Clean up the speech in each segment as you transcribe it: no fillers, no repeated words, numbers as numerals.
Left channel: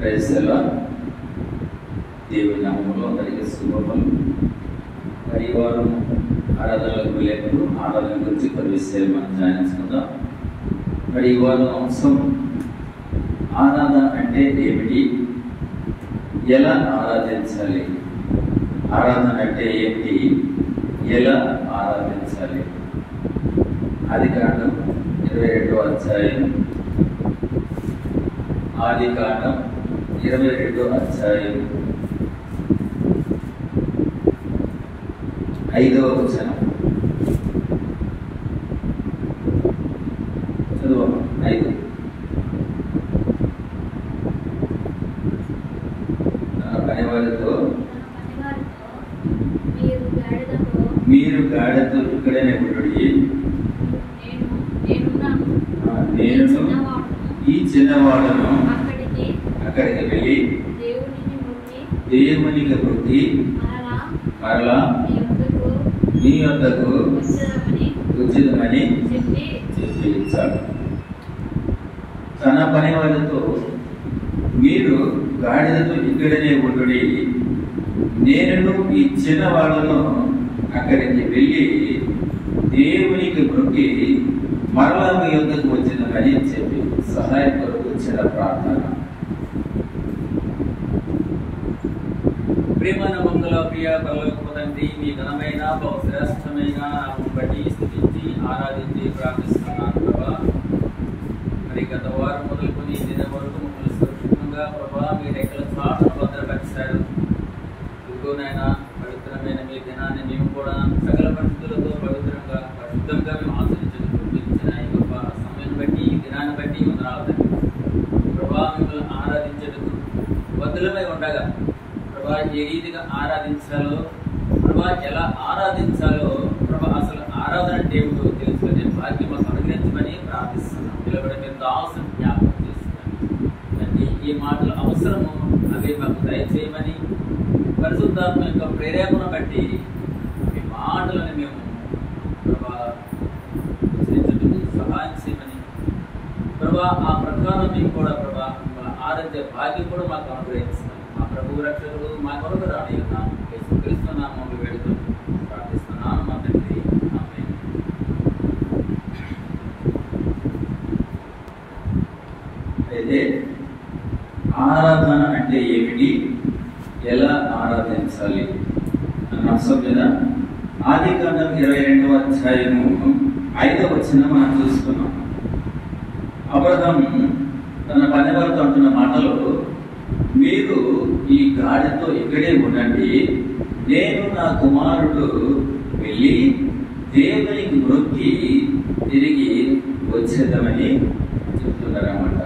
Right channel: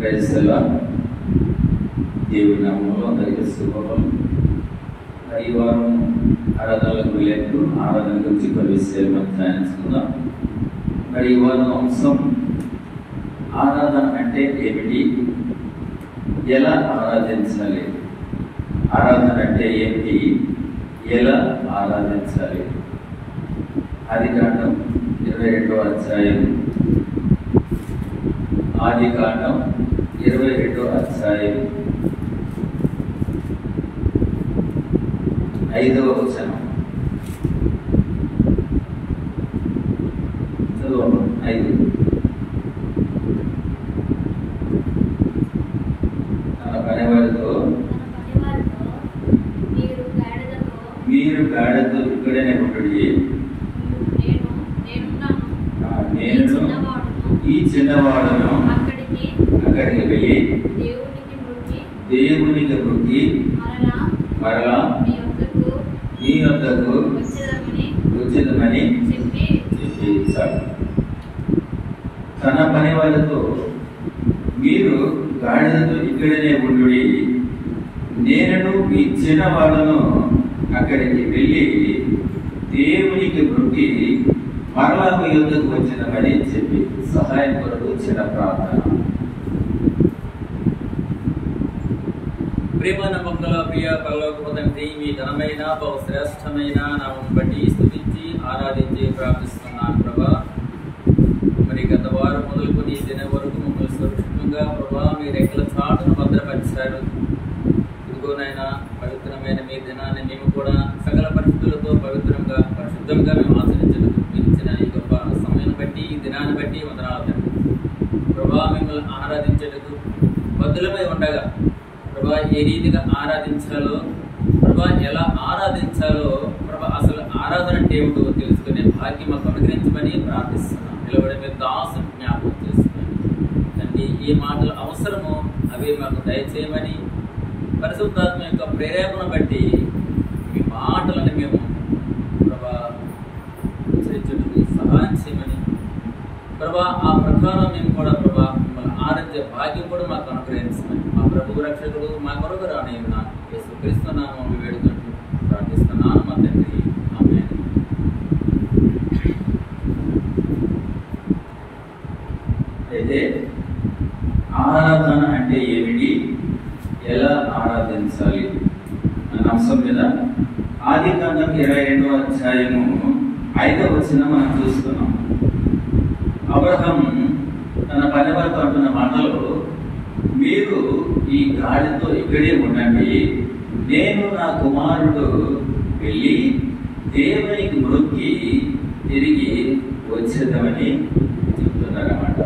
క్రైస్తవ దేవుని నామములో అందరికీ శుభములు. మరి ఈ వారం ఆరాధనలకు వెళ్ళేట్టు ఆరాధన గురించి కొన్ని విషయాలు మనం ధ్యానించుకుందాం. మరి ఈ వారం అంశం ఆరాధన అంటే ఏమిటి, ఎలా ఆరాధించాలి, ఆరాధన అంటే ఏంటి, ఎలా ఆరాధించాలి. ఆదికాండం 22వ అధ్యాయం, ఆదికాండం 22వ అధ్యాయం 5వ వచనం చదువు. 5 పనివారితో మీరు గాడిదతో ఇక్కడనే ఉంటుంది, నేను ఈ చిన్నవాడను అక్కడికి వెళ్ళి దేవునికి మొక్కి మరలా మీ వద్దకు వచ్చేదమని చెప్పి ఇచ్చాడు. తన పని వాళ్ళతో మీరు గాడిదతో ఇక్కడనే ఉండుడి, నేను ఈ చిన్నవాడను అక్కడికి వెళ్ళి దేవునికి మొక్కి మరలా మీ వద్దకు వచ్చినమని చెప్పి సహాయం కొరకు వచ్చిన ప్రార్థన. ప్రేమన మంగళ ప్రియ పరలోకపు తండ్రి, మీ ఘనమైన బహుశ్రేష్టమైన నామం బట్టి స్తుతించి ఆరాధించి ప్రార్థిస్తున్నాను ప్రభా. మరి గత వారం మొదలుకొని ఈ దినం వరకు మమ్మల్ని సురక్షితంగా ప్రభా మీ రెక్కల చాటును భద్రపరిచారు. ఇదిగోనైనా పవిత్రమైన మీ దినాన్ని మేము కూడా సకల పరిస్థితులతో పవిత్రంగా పరిశుద్ధంగా మేము ఆచరించడం ఇచ్చిన ఈ గొప్ప సమయాన్ని బట్టి ఈ దినాన్ని బట్టి వందనాలు తండ్రి. ప్రభా మిమ్మల్ని ఆరాధించేందుకు బద్దులమై ఉండగా ప్రభా ఏ రీతిగా ఆరాధించాలో, ప్రభా ఎలా ఆరాధించాలో, ప్రభా అసలు ఆరాధన అంటే ఏమిటో తెలుసుకునే భాగ్యం మాకు అనుగ్రహించమని ప్రార్థిస్తున్నాం. నిలబడి మీరు దాసుని జ్ఞాపకం చేస్తున్నాను తండ్రి. ఏ మాటలు అవసరమో అవి మాకు దయచేయమని, పరిశుద్ధాత్మ యొక్క ప్రేరేపణ బట్టి మీ మాటలను మేము ప్రభా ఉచ్చరించేందుకు సహాయం చేయమని, ప్రభా ఆ ప్రకారం మేము కూడా ప్రభా మిమ్మల్ని ఆరాధ్య భాగ్యం కూడా మాకు అనుగ్రహించమని మా ప్రభు రక్షకుడు మా కొరకు రానియున్నా యేసుక్రీస్తు నామములో వేడుకొని ప్రార్థిస్తున్నాను మా తండ్రి. ఆమేన్. అయితే ఆరాధన అంటే ఏమిటి, ఎలా ఆరాధించాలి అన్న అంశం మీద ఆదికాండం 22వ అధ్యాయము 5వ వచనం మనం చూస్తున్నాం. అబ్రహాము తన పనివారితో అంటున్న మాటలు, మీరు ఈ గాడితో ఇక్కడే ఉండండి, నేను నా కుమారుడు వెళ్ళి దేవునికి మొక్కి తిరిగి వచ్చేద్దామని చెప్తున్నారన్నమాట.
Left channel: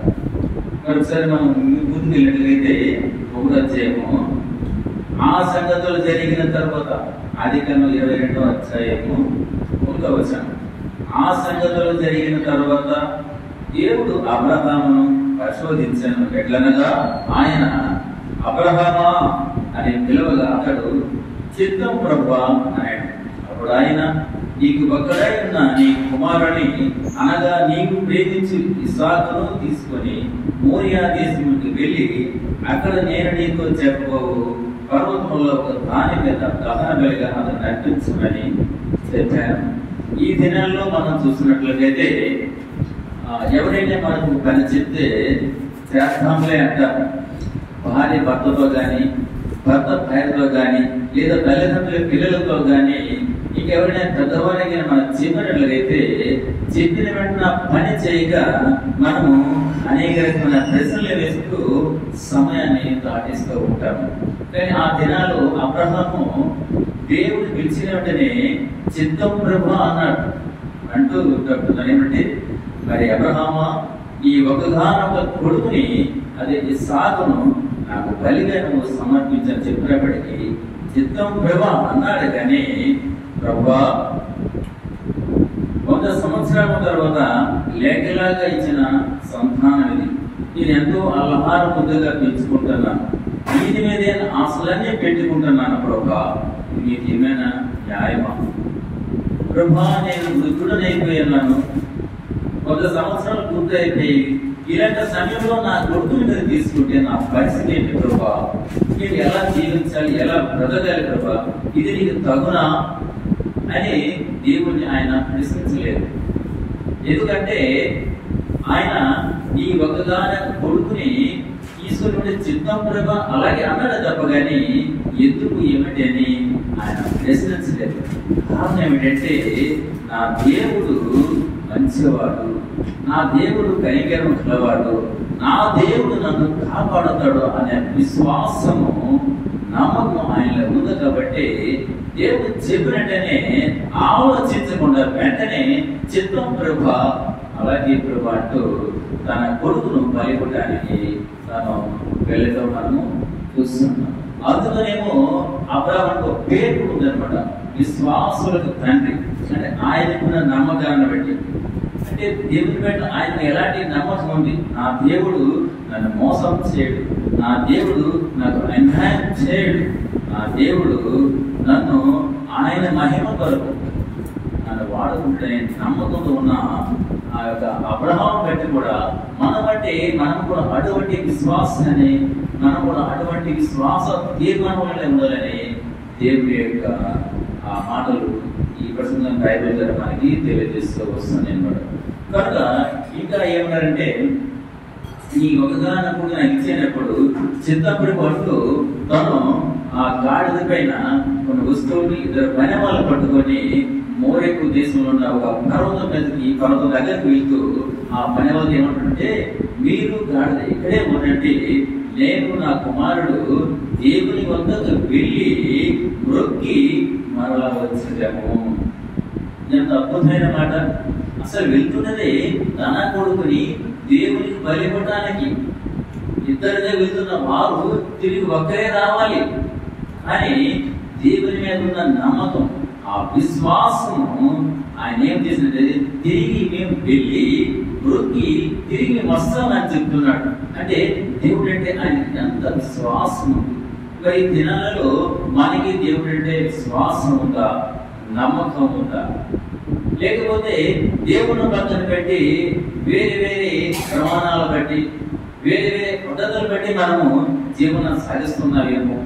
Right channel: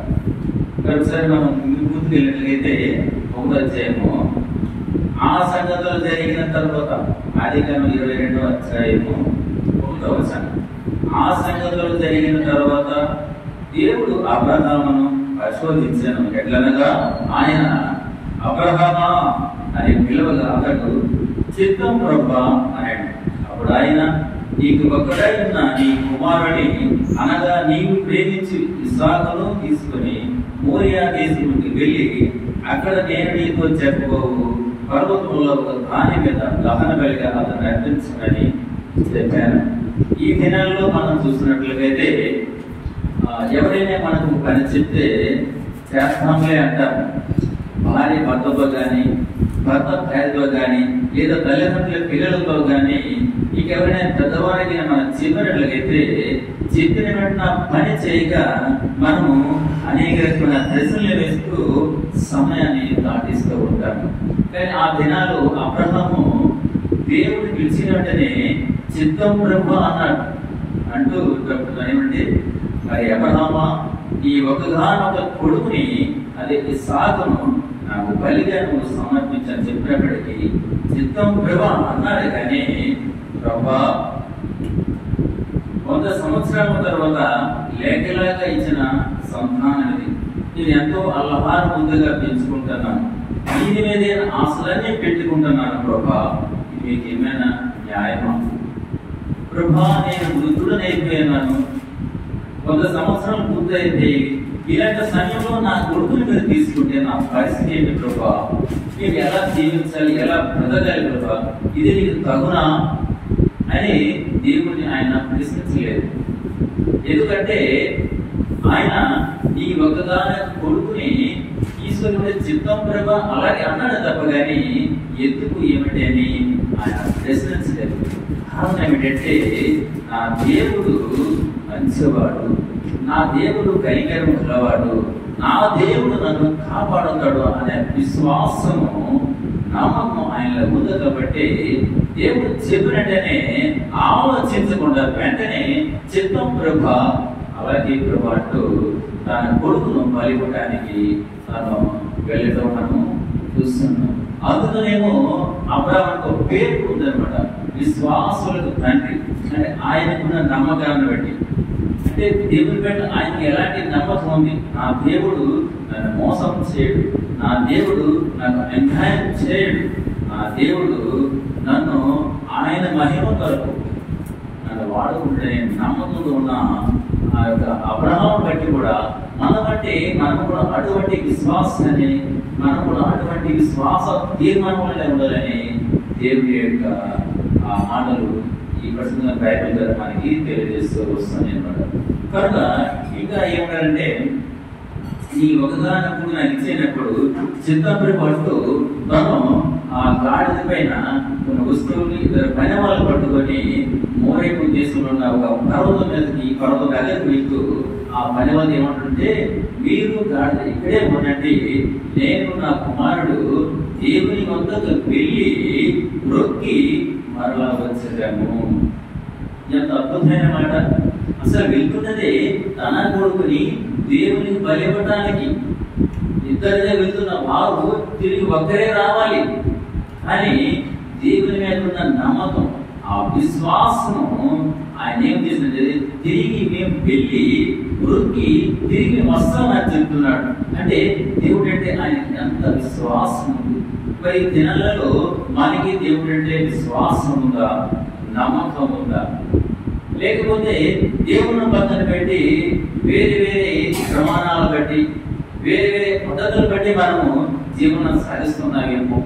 ఒకసారి మనం ముందుకు వెళ్ళినట్లయితే 1వ అధ్యాయము ఆ సంగతులు జరిగిన తర్వాత, ఆదికాండం 22వ అధ్యాయము 1వ వచనం, ఆ సంగతులు జరిగిన తర్వాత దేవుడు అబ్రహామును పరిశోధించాను. ఎట్లనగా ఆయన అబ్రహామా అని పిలువగా అతడు చిత్తం ప్రభువా అన్నాడు. అప్పుడు ఆయన, నీకు ఒక్కడై ఉన్న నీ కుమారుని అనగా నీవు ప్రేమించి ఇస్సాకును తీసుకుని మోరియా దేశానికి వెళ్ళి అక్కడ నేను నీతో చెప్పబోవు పర్వతంలో ఒక దాని మీద దహన బలిగా అతను అర్పించమని చెప్పాను. ఈ దినాల్లో మనం చూసినట్లయితే ఎవరైనా మనకు పని చెప్తే చేస్తాంలే అంటాం. భార్య భర్తతో కానీ, భర్త భార్యతో కానీ, లేదా తల్లిదండ్రుల పిల్లలతో కానీ, ఇంకెవరైనా పెద్దవారికి మనం చెప్పినట్లయితే చెప్పిన వెంటనే పని చేయక మనము అనేక రకమైన ప్రశ్నలు వేస్తూ సమయాన్ని దాటిస్తూ ఉంటాము. కానీ ఆ దినాలు అబ్రహాము దేవుడు పిలిచిన వెంటనే చిత్తం ప్రభు అన్నాడు. అంటూ చెప్తున్నాను ఏమంటే, మరి అబ్రహామా ఈ ఒకగానొక కొడుకుని, అదే ఇస్సాకును నాకు బలిగా నువ్వు సమర్పించని చెప్పినప్పటికీ చిత్తం ప్రభా అన్నాడు. కానీ ప్రభా 100 సంవత్సరాల తర్వాత లేఖలాగా ఇచ్చిన సంతానం ఇది, నేను ఎంతో అల్లహార ముద్దుగా పెంచుకుంటున్నాను, దీని మీదే ఆశలన్నీ పెట్టుకుంటున్నాను ప్రభా, మీకు ఏమైనా న్యాయమా ప్రభా? నేను వృద్ధుడనైపోయాను, 100 సంవత్సరాలు పూర్తయిపోయి ఇలాంటి సమయంలో నా కొడుకుని మీరు తీసుకుంటే నా పరిస్థితి ఏంటి ప్రభా, నేను ఎలా జీవించాలి, ఎలా బ్రతకాలి ప్రభా, ఇది నీకు తగునా అని దేవుడిని ఆయన ప్రశ్నించలేదు. ఎందుకంటే ఆయన నీ ఒకగానే కొడుకుని ఈశ్వరుడి చిత్తం ప్రభా అలాగే అన్నాడు తప్ప కానీ ఎందుకు ఏమిటి అని ఆయన ప్రశ్నించలేదు. కారణం ఏమిటంటే నా దేవుడు మంచివాడు, నా దేవుడు కనికరం కలవాడు, నా దేవుడు నన్ను కాపాడుతాడు అనే విశ్వాసము నమ్మకం ఆయనలో ఉంది. కాబట్టి దేవుడు చెప్పినట్టనే ఆలోచించకుండా వెంటనే చిత్తం ప్రభా అలాగే ప్రభా అంటూ తన కొడుకును బలిపడానికి తను వెళ్ళడం మనము చూస్తున్నాం. అందుకనేమో అబ్రాహాముకు పేరు ఉందన్నమాట, విశ్వాసులకు తండ్రి. అంటే ఆయనకున్న నమ్మకాన్ని బట్టి, అంటే దేవుని పట్ల ఆయన ఎలాంటి నమ్మకం ఉంది, నా దేవుడు నన్ను మోసం చేయడు, నా దేవుడు నాకు అన్యాయం చేయడు, నా దేవుడు నన్ను ఆయన మహిమ కొరకు నన్ను వాడుకుంటే నమ్మకంతో ఉన్న ఆ యొక్క అబ్రహాము బట్టి కూడా మన బట్టి మనం కూడా అటువంటి విశ్వాసాన్ని, మనం కూడా అటువంటి విశ్వాస తీర్మానం వల్ల ఉండాలని దేవుని యొక్క ఆ మాటలు ఈ ప్రసంగం బైబిల్ ద్వారా మనకి తెలియజేస్తూ వస్తుంది అన్నమాట. కనుక ఇంకా ఏమన్నారంటే ఈ ఒకగానప్పుడు నాకు ఇచ్చేటప్పుడు చిత్తపురి పట్టు తను ఆ గాడిద పైన కొన్ని వస్తువులు ఇద్దరు పని వాళ్ళు పట్టుకొని మోరేకు దేశంలో ఉన్న ఒక పర్వతం మీదకి పర్వతం దగ్గరికి వెళ్తూ ఆ పని వాళ్ళు ఏమంటుంటే, మీరు గాడిద ఇక్కడే ఉండండి, నేను నా కుమారుడు దేవుని వద్దకు వెళ్ళి మొక్కి మరలా వచ్చాము. ఎంత అద్భుతమైన మాట! అసలు వెళ్తున్నదే తన కొడుకుని దేవునికి బలివ్వడానికి. ఇద్దరినే వెళ్తున్న వారు తిరిగి ఒక్కరే రావాలి, కానీ దేవుని మీద ఉన్న నమ్మకం, ఆ విశ్వాసము ఆయన ఏం చేసింది, తిరిగి మేము వెళ్ళి మొక్కి తిరిగి వస్తామని చెప్తున్నాడు. అంటే దేవుడు అంటే ఆయన ఎంత విశ్వాసం ఉంది. మరి దినాలలో మనకి దేవుడు అంటే విశ్వాసం ఉందా, నమ్మకం ఉందా? లేకపోతే దేవుని పక్కన పెట్టి వేరే వేరే ప్రమాణాలు బట్టి, వేరే వేరే పద్ధతులు బట్టి మనము జీవనం సాగిస్తున్నామేమో.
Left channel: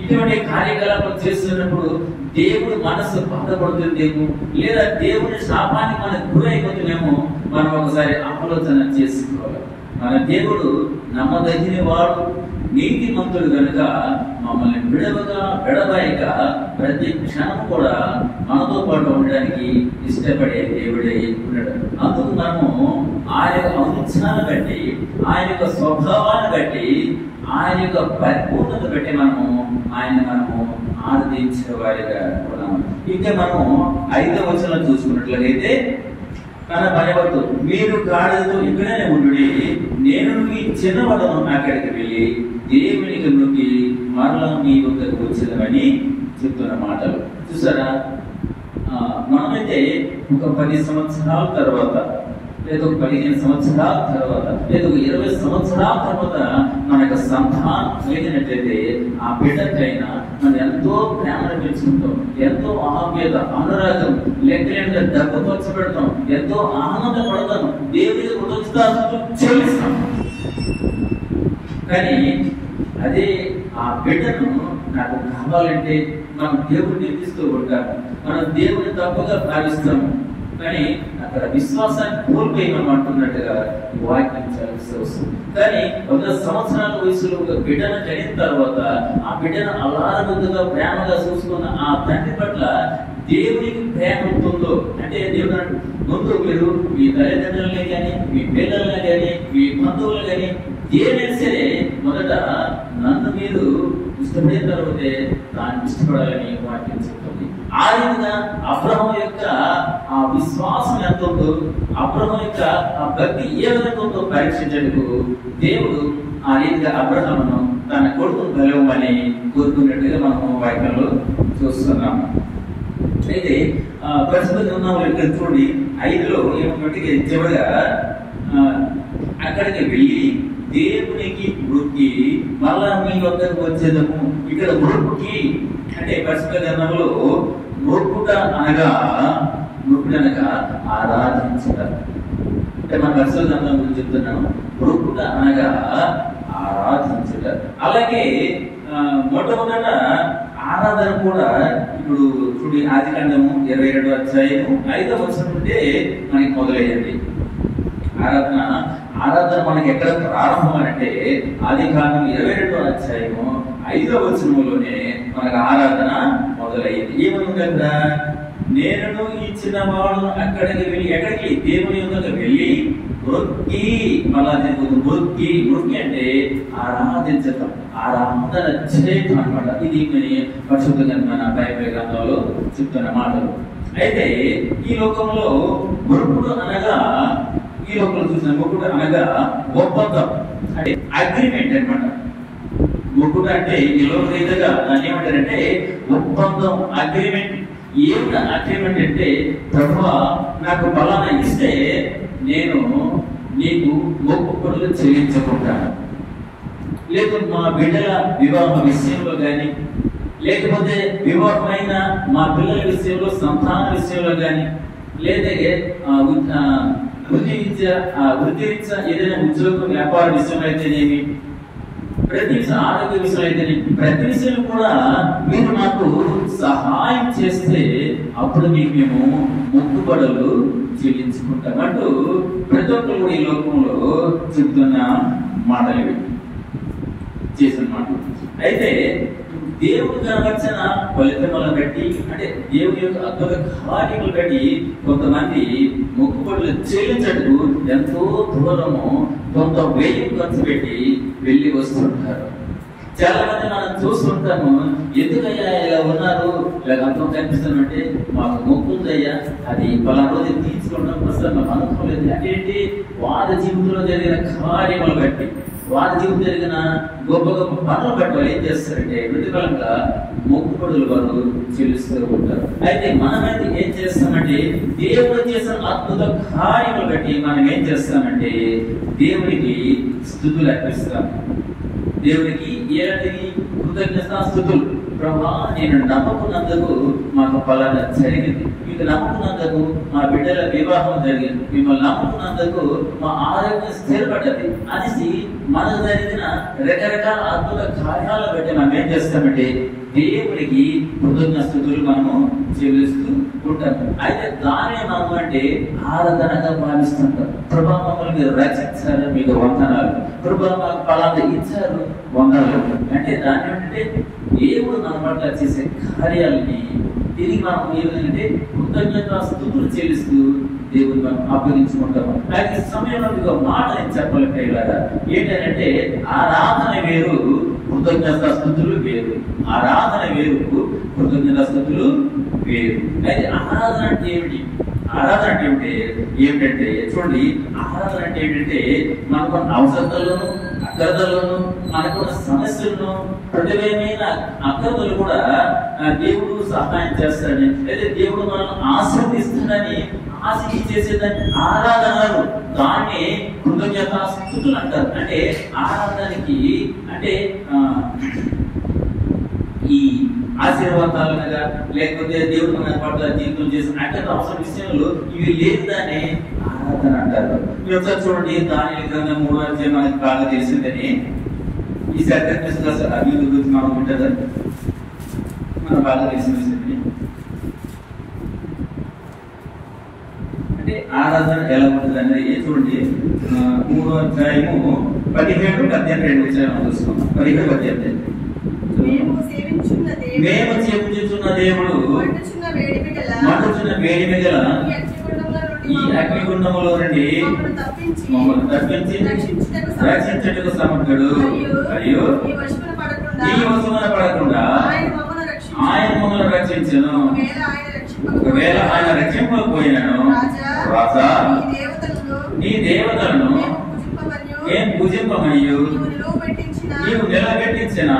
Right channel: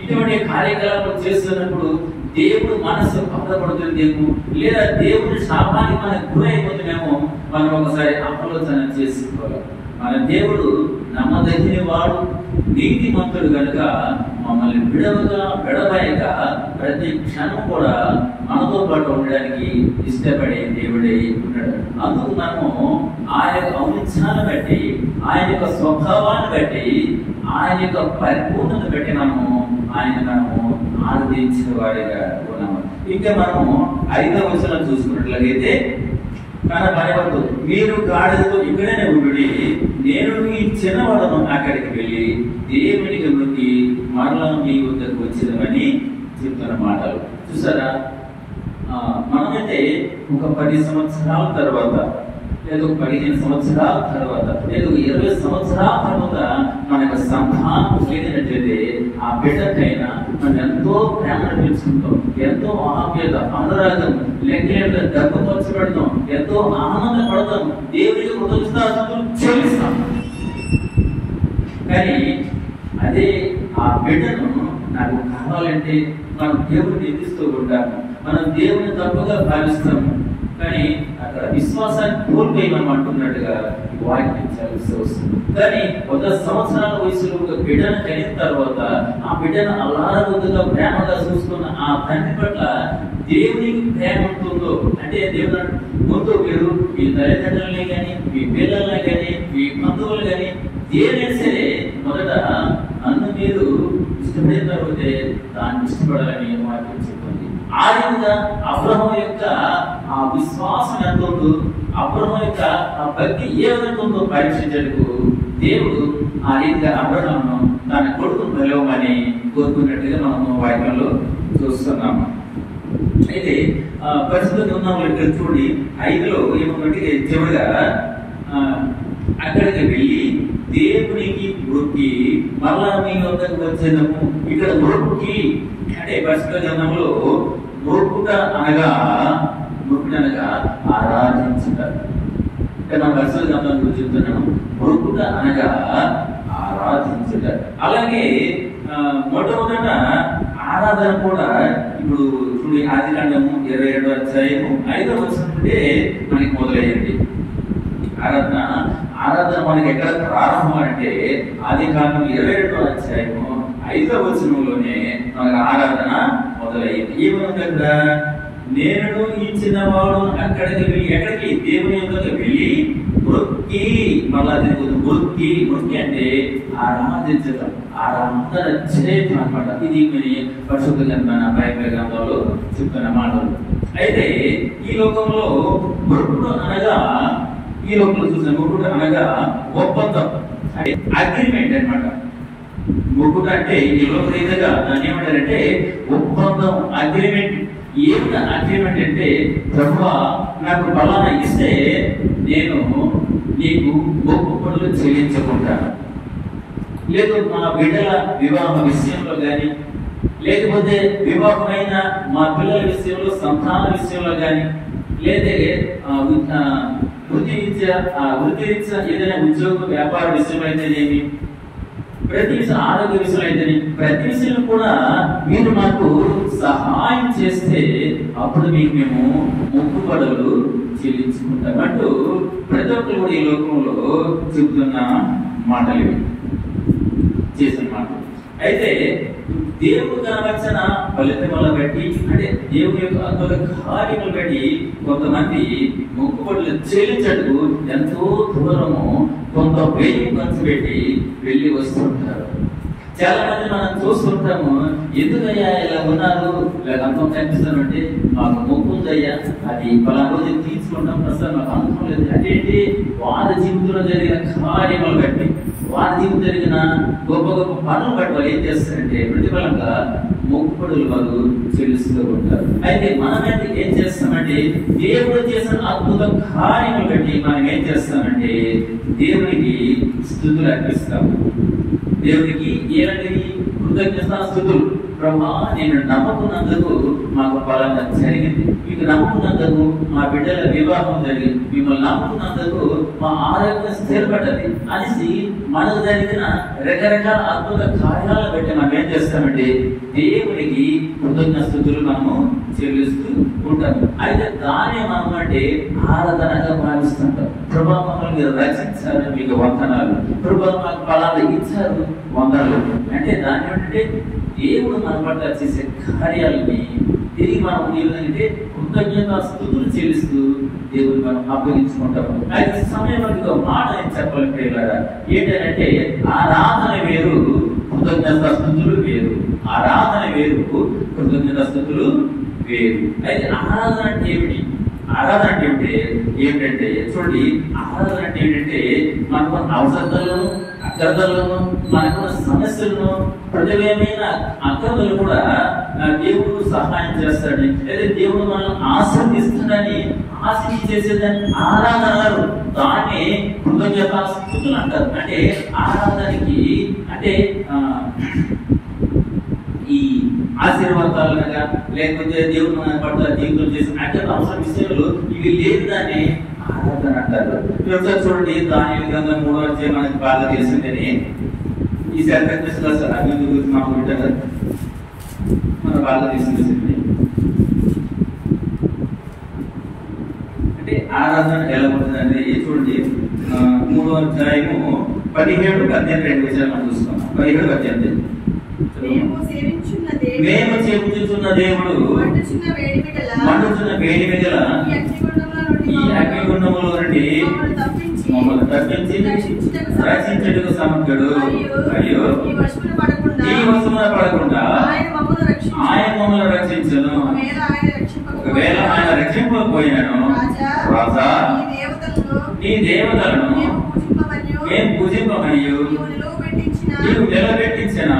ఇటువంటి కార్యకలాపాలు చేస్తున్నప్పుడు దేవుడు మనసు బాధపడుతుందేమో, లేదా దేవుడి శాపానికి మనకు గురైపోతుందేమో మనం ఒకసారి ఆలోచన చేసుకోవాలి. మన దేవుడు నమ్మదగిన వాడు, నీతిమంతుడు కనుక మమ్మల్ని విడవక ప్రతి క్షణం కూడా మనతో పాటు ఉండడానికి ఇష్టపడే దేవుడే ఉన్నాడు. అందుకు మనము ఆయన యొక్క ఔన్నత్యాన్ని బట్టి, ఆయన యొక్క స్వభావాన్ని బట్టి, ఆయన యొక్క పరిపూర్ణత బట్టి మనము మనము ఆరాధించిన వారిగా ఉన్నాము. ఇంకా మనము 5వ వచనం చూసుకున్నట్లయితే, తన భయపడుతూ మీరు గాడిదతో ఇక్కడనే ఉండి నేను ఈ చిన్నవాడను అక్కడికి వెళ్ళి దేవునికి మొక్కి మరలా మీ వద్దకు వచ్చేదని చెప్తున్న మాటలు చూసారా? మనమైతే ఒక 10 సంవత్సరాల తర్వాత, లేదా 15 సంవత్సరాల తర్వాత, లేదా 20 సంవత్సరాల తర్వాత మన యొక్క సంతానం కలిగినట్లయితే ఆ బిడ్డకైనా మనం ఎంతో ప్రేమ పెంచుకుంటాం, ఎంతో ఆప్యాయత, అనురాగం, లెక్కలేక డబ్బు ఖర్చు పెడతాం, ఎంతో ఆనందపడతాం, దేవుడికి కృతజ్ఞతాస్తుతులు చెల్లిస్తాం. కానీ అదే ఆ బిడ్డను నాకు కావాలంటే మనం దేవుడిని నిందిస్తూ ఉంటాము, మనం దేవుని తప్పుగా భావిస్తాము. కానీ అక్కడ విశ్వాసాన్ని కోల్పోయినాం అంటున్నట్టుగా వాక్యం చదివిస్తూ వస్తుంది. కానీ 100 సంవత్సరాల వయసులో ఒక బిడ్డను కలిగిన తర్వాత ఆ బిడ్డను అల్లారబుద్దుగా ప్రేమగా చూసుకున్న ఆ తండ్రి పట్ల దేవునికి ప్రేమ ఉంటుందో, అంటే దేవుడు ముందు మీరు మీ తల్లిదండ్రులనే కానీ, మీ పిల్లల్ని కానీ, మీ బంధువులు కానీ ఏదైనా సరే మొదట నన్ను మీరు ఇష్టపడిన తర్వాతే దాన్ని ఇష్టపడాలని వాక్యం చెప్తుంది. ఆ విధంగా అబ్రహాము యొక్క ఆ విశ్వాసం ఎంత ఉందో, అబ్రహాము యొక్క ఆ భక్తి ఏ విధంగా ఉందో పరీక్షించేందుకు దేవుడు ఆ రీతిగా అబ్రహామును తన కొడుకును బలివ్వమని కోరుకున్నట్టుగా మనము వాక్యంలో చూస్తున్నాము. అయితే పరిస్థితులు ఉన్నాము ఇక్కడ చూడండి, 5లో ఏమంటే చివరిగా అక్కడికి వెళ్ళి దేవునికి మొక్కి మళ్ళా మీ వద్దకు వచ్చేదము. ఇక్కడ మొక్కి అంటే పరిశుద్ధ గ్రంథంలో మొక్కుట అనగా ఆరాధించడం. మన పరిశుద్ధ గ్రంథం గురించి చెప్తున్నాను. మొక్కుట అనగా ఆరాధించుట. అలాగే మొట్టమొదట ఆరాధన కూడా ఇప్పుడు చూడండి, ఆదికాండము 22వ అధ్యాయము 5వ వచనం నుండి మనకి మొదలయ్యింది. ఆరాధన మనకి ఎక్కడ ప్రారంభం అంటే ఆదికాండం 22వ అధ్యాయము 5వ వచనంలోనే మనకి ఆరాధన మొదలయ్యింది. ఏమనుంది అక్కడ? నేను ఈ చిన్నవాడు ఎక్కడికి దేవుని యొద్దకు వెళ్ళి మృక్కి, మళ్ళా మృక్కి అంటే ఆరాధించటం, ఆరాధన చేయటం అనమాట. ఇది పరిశుద్ధ గ్రంథమైన బైబిల్ గ్రంథంలో చెప్తున్న మాటలు. అయితే ఈ లోకంలో మొక్కుడు అనగా, ఈ లోకంలో చూసిన మొక్కుడు అనగా ఒప్పందం, అంటే అగ్రిమెంట్ అనమాట. మొక్కుడు అంటే ఈ లోకరీతిగా దాన్ని ఏమంటారంటే ఒప్పందం, అగ్రిమెంట్. ఏమిటి అగ్రిమెంట్ అంటే, ప్రభువా నాకు ఫలానా ఇస్తే నేను నీకు మొక్కుబడులు చెల్లించుకుంటాను. లేదు మా బిడ్డల వివాహ విషయంలో కానీ, లేకపోతే వివాహమైన మా పిల్లల విషయంలో, సంతాన విషయంలో కానీ, లేదా వృత్తిరీత్యా ఏదైనా ఉద్యోగం, వ్యాపార విషయంలో అయితేనేమి, ప్రతి విషయం, ఆరోగ్య విషయంలో అయితే ప్రతి విషయం కూడా మీరు మాకు సహాయం చేస్తే అప్పుడు మీకు మేము మొక్కుబడులు చెల్లించుకుంటాం అంటూ ప్రతి ఒక్కరు కూడా ఈ లోకంలో చెబుతున్న మాటలు ఇవి, చేసిన మాటలు. అయితే దేవుడు కనవచ్చిన ఫలితములను బట్టి, అంటే దేవుని యొక్క అద్భుత కార్యములు బట్టి కొంతమంది మొక్కుబడులు చెల్లించటకు ఎంతో దూరము కొంత వ్యయం ఖర్చు పెట్టి వెళ్ళి వస్తుంటారు. చాలా మంది మనం చూస్తుంటాము, ఎందుకయ్యా ఇలా ఉన్నారు, ఇలా అంతం కనిపిస్తామంటే మాకు మొక్కు ఉందయ్యా, అది పలానా రోజు తీసుకుంటాం, ప్రస్తుతం మాకు అనుభవం లేదు. అంటే ఏంటి? వారి జీవితంలో జరిగిన కార్యములు బట్టి, వారి జీవితం జరిగిన గొప్ప గొప్ప పనులు బట్టి వాళ్ళు ఏం చేస్తారంటే ప్రతిఫలంగా మొక్కుబడులు వారు చెల్లిస్తూ ఉంటారు. అయితే మనమైతే ఏం చేస్తామంటే దేవుడు చేసిన అద్భుత కార్యములు బట్టి మనం ఏం చేస్తామంటే దేవునికి స్తుతులు అర్పిస్తాము. దేవునికి ఏలాంటి కృతజ్ఞతాస్తుతులు. ప్రభా నేను నమ్ముకున్నందుకు మాకు ఫలానా జరిగింది, మీకు నమ్ముకున్నందుకు మా బిడ్డల వివాహం జరిగింది, మిమ్మల్ని నమ్ముకున్నందుకు మా ఆరోగ్యం స్థిరపడ్డది అనేసి మనకు జరిగిన రకరకాల అద్భుత కార్యాలను బట్టి మనం ఏం చేస్తామంటే దేవునికి కృతజ్ఞతాస్తుతులు మనము చెల్లిస్తూ ఉంటాము. అయితే దాన్ని మనం అంటే ఆరాధనగా భావిస్తుంటాం. ప్రభా మమ్మల్ని రచించారు, మీకు వందనాలు, ప్రభా మాకు ఫలానా ఇచ్చారు, వందనాలు. అంటే దాన్ని ఏంటంటే దేవుడు మన పట్ల చేసే కార్యాలని తిరిగి మనం ఏమిటంటే కృతజ్ఞతాస్తుతులు చెల్లిస్తూ దేవుడు మనం అప్పగించుకుంటాము. అయితే సమయంలో ఒక మాట నేను చెప్పాలి ప్రియులారా, ఏంటంటే ఆరాధన వేరు, కృతజ్ఞతాస్తుతులు వేరు. ఆరాధన వేరు, కృతజ్ఞతాస్తుతులు వేరు. అయితే ఆరాధన అంటే ఏమిటి? ఆరాధన అంటే ఏమిటంటే చూడండి, ఆరాధన అంటే ఏంటంటే మనకు అవసరతలను, అగ్రతలను, మనకున్న సమస్యలను, ప్రతివేమైన అగ్రతలు కూడా దేవుడు సహాయం చేస్తాడని, లేదా దేవుడు మనల్ని ఆశీర్వదిస్తాడని ఆశించి చేసేదాన్ని ఆరాధనలు, దాన్ని కృతజ్ఞతాస్తుతులు అంటారు. అంటే ఆరాధనకి అంటే ఈ ఆశీర్వాదాలనగా, లేకపోతే దేవుడు మన పట్ల జీవితం చేసిన అంటే అవసరం విషయంలో ఇవి లేదు, దాన్ని ఆరాధన అంటారు. ఒకసారి చూడండి, దానియేలు గ్రంథం 3వ అధ్యాయం మనకి బాగా తెలిసిందని ఈ సత్యకృష్ణ అభివృద్ధి గురించి మనం వింటారు, మనం బాగా తెలిసింది. అంటే ఆరాధన ఎలా ఉంటుంది అనేది చూడండి, 3వ అధ్యాయము 17-18 విషయాలు చూసుకున్నాం. 17-18 మేము చేపుచున్న దేవుడు మండుచున్న వేడి మిగల ఈ అగ్నిగుండములో నుండి మమ్మల్ని తప్పించి రక్షించుటకు సమర్థుడు. అయ్యో ఈ వశమున పడకుండా ఆయన మమ్మల్ని రక్షించును. ఒకవేళ ఆయన రక్షింపకపోయినను, రాజా నీ దేవతలను మేము పూజింపమనియు నీవు నిలబెట్టించిన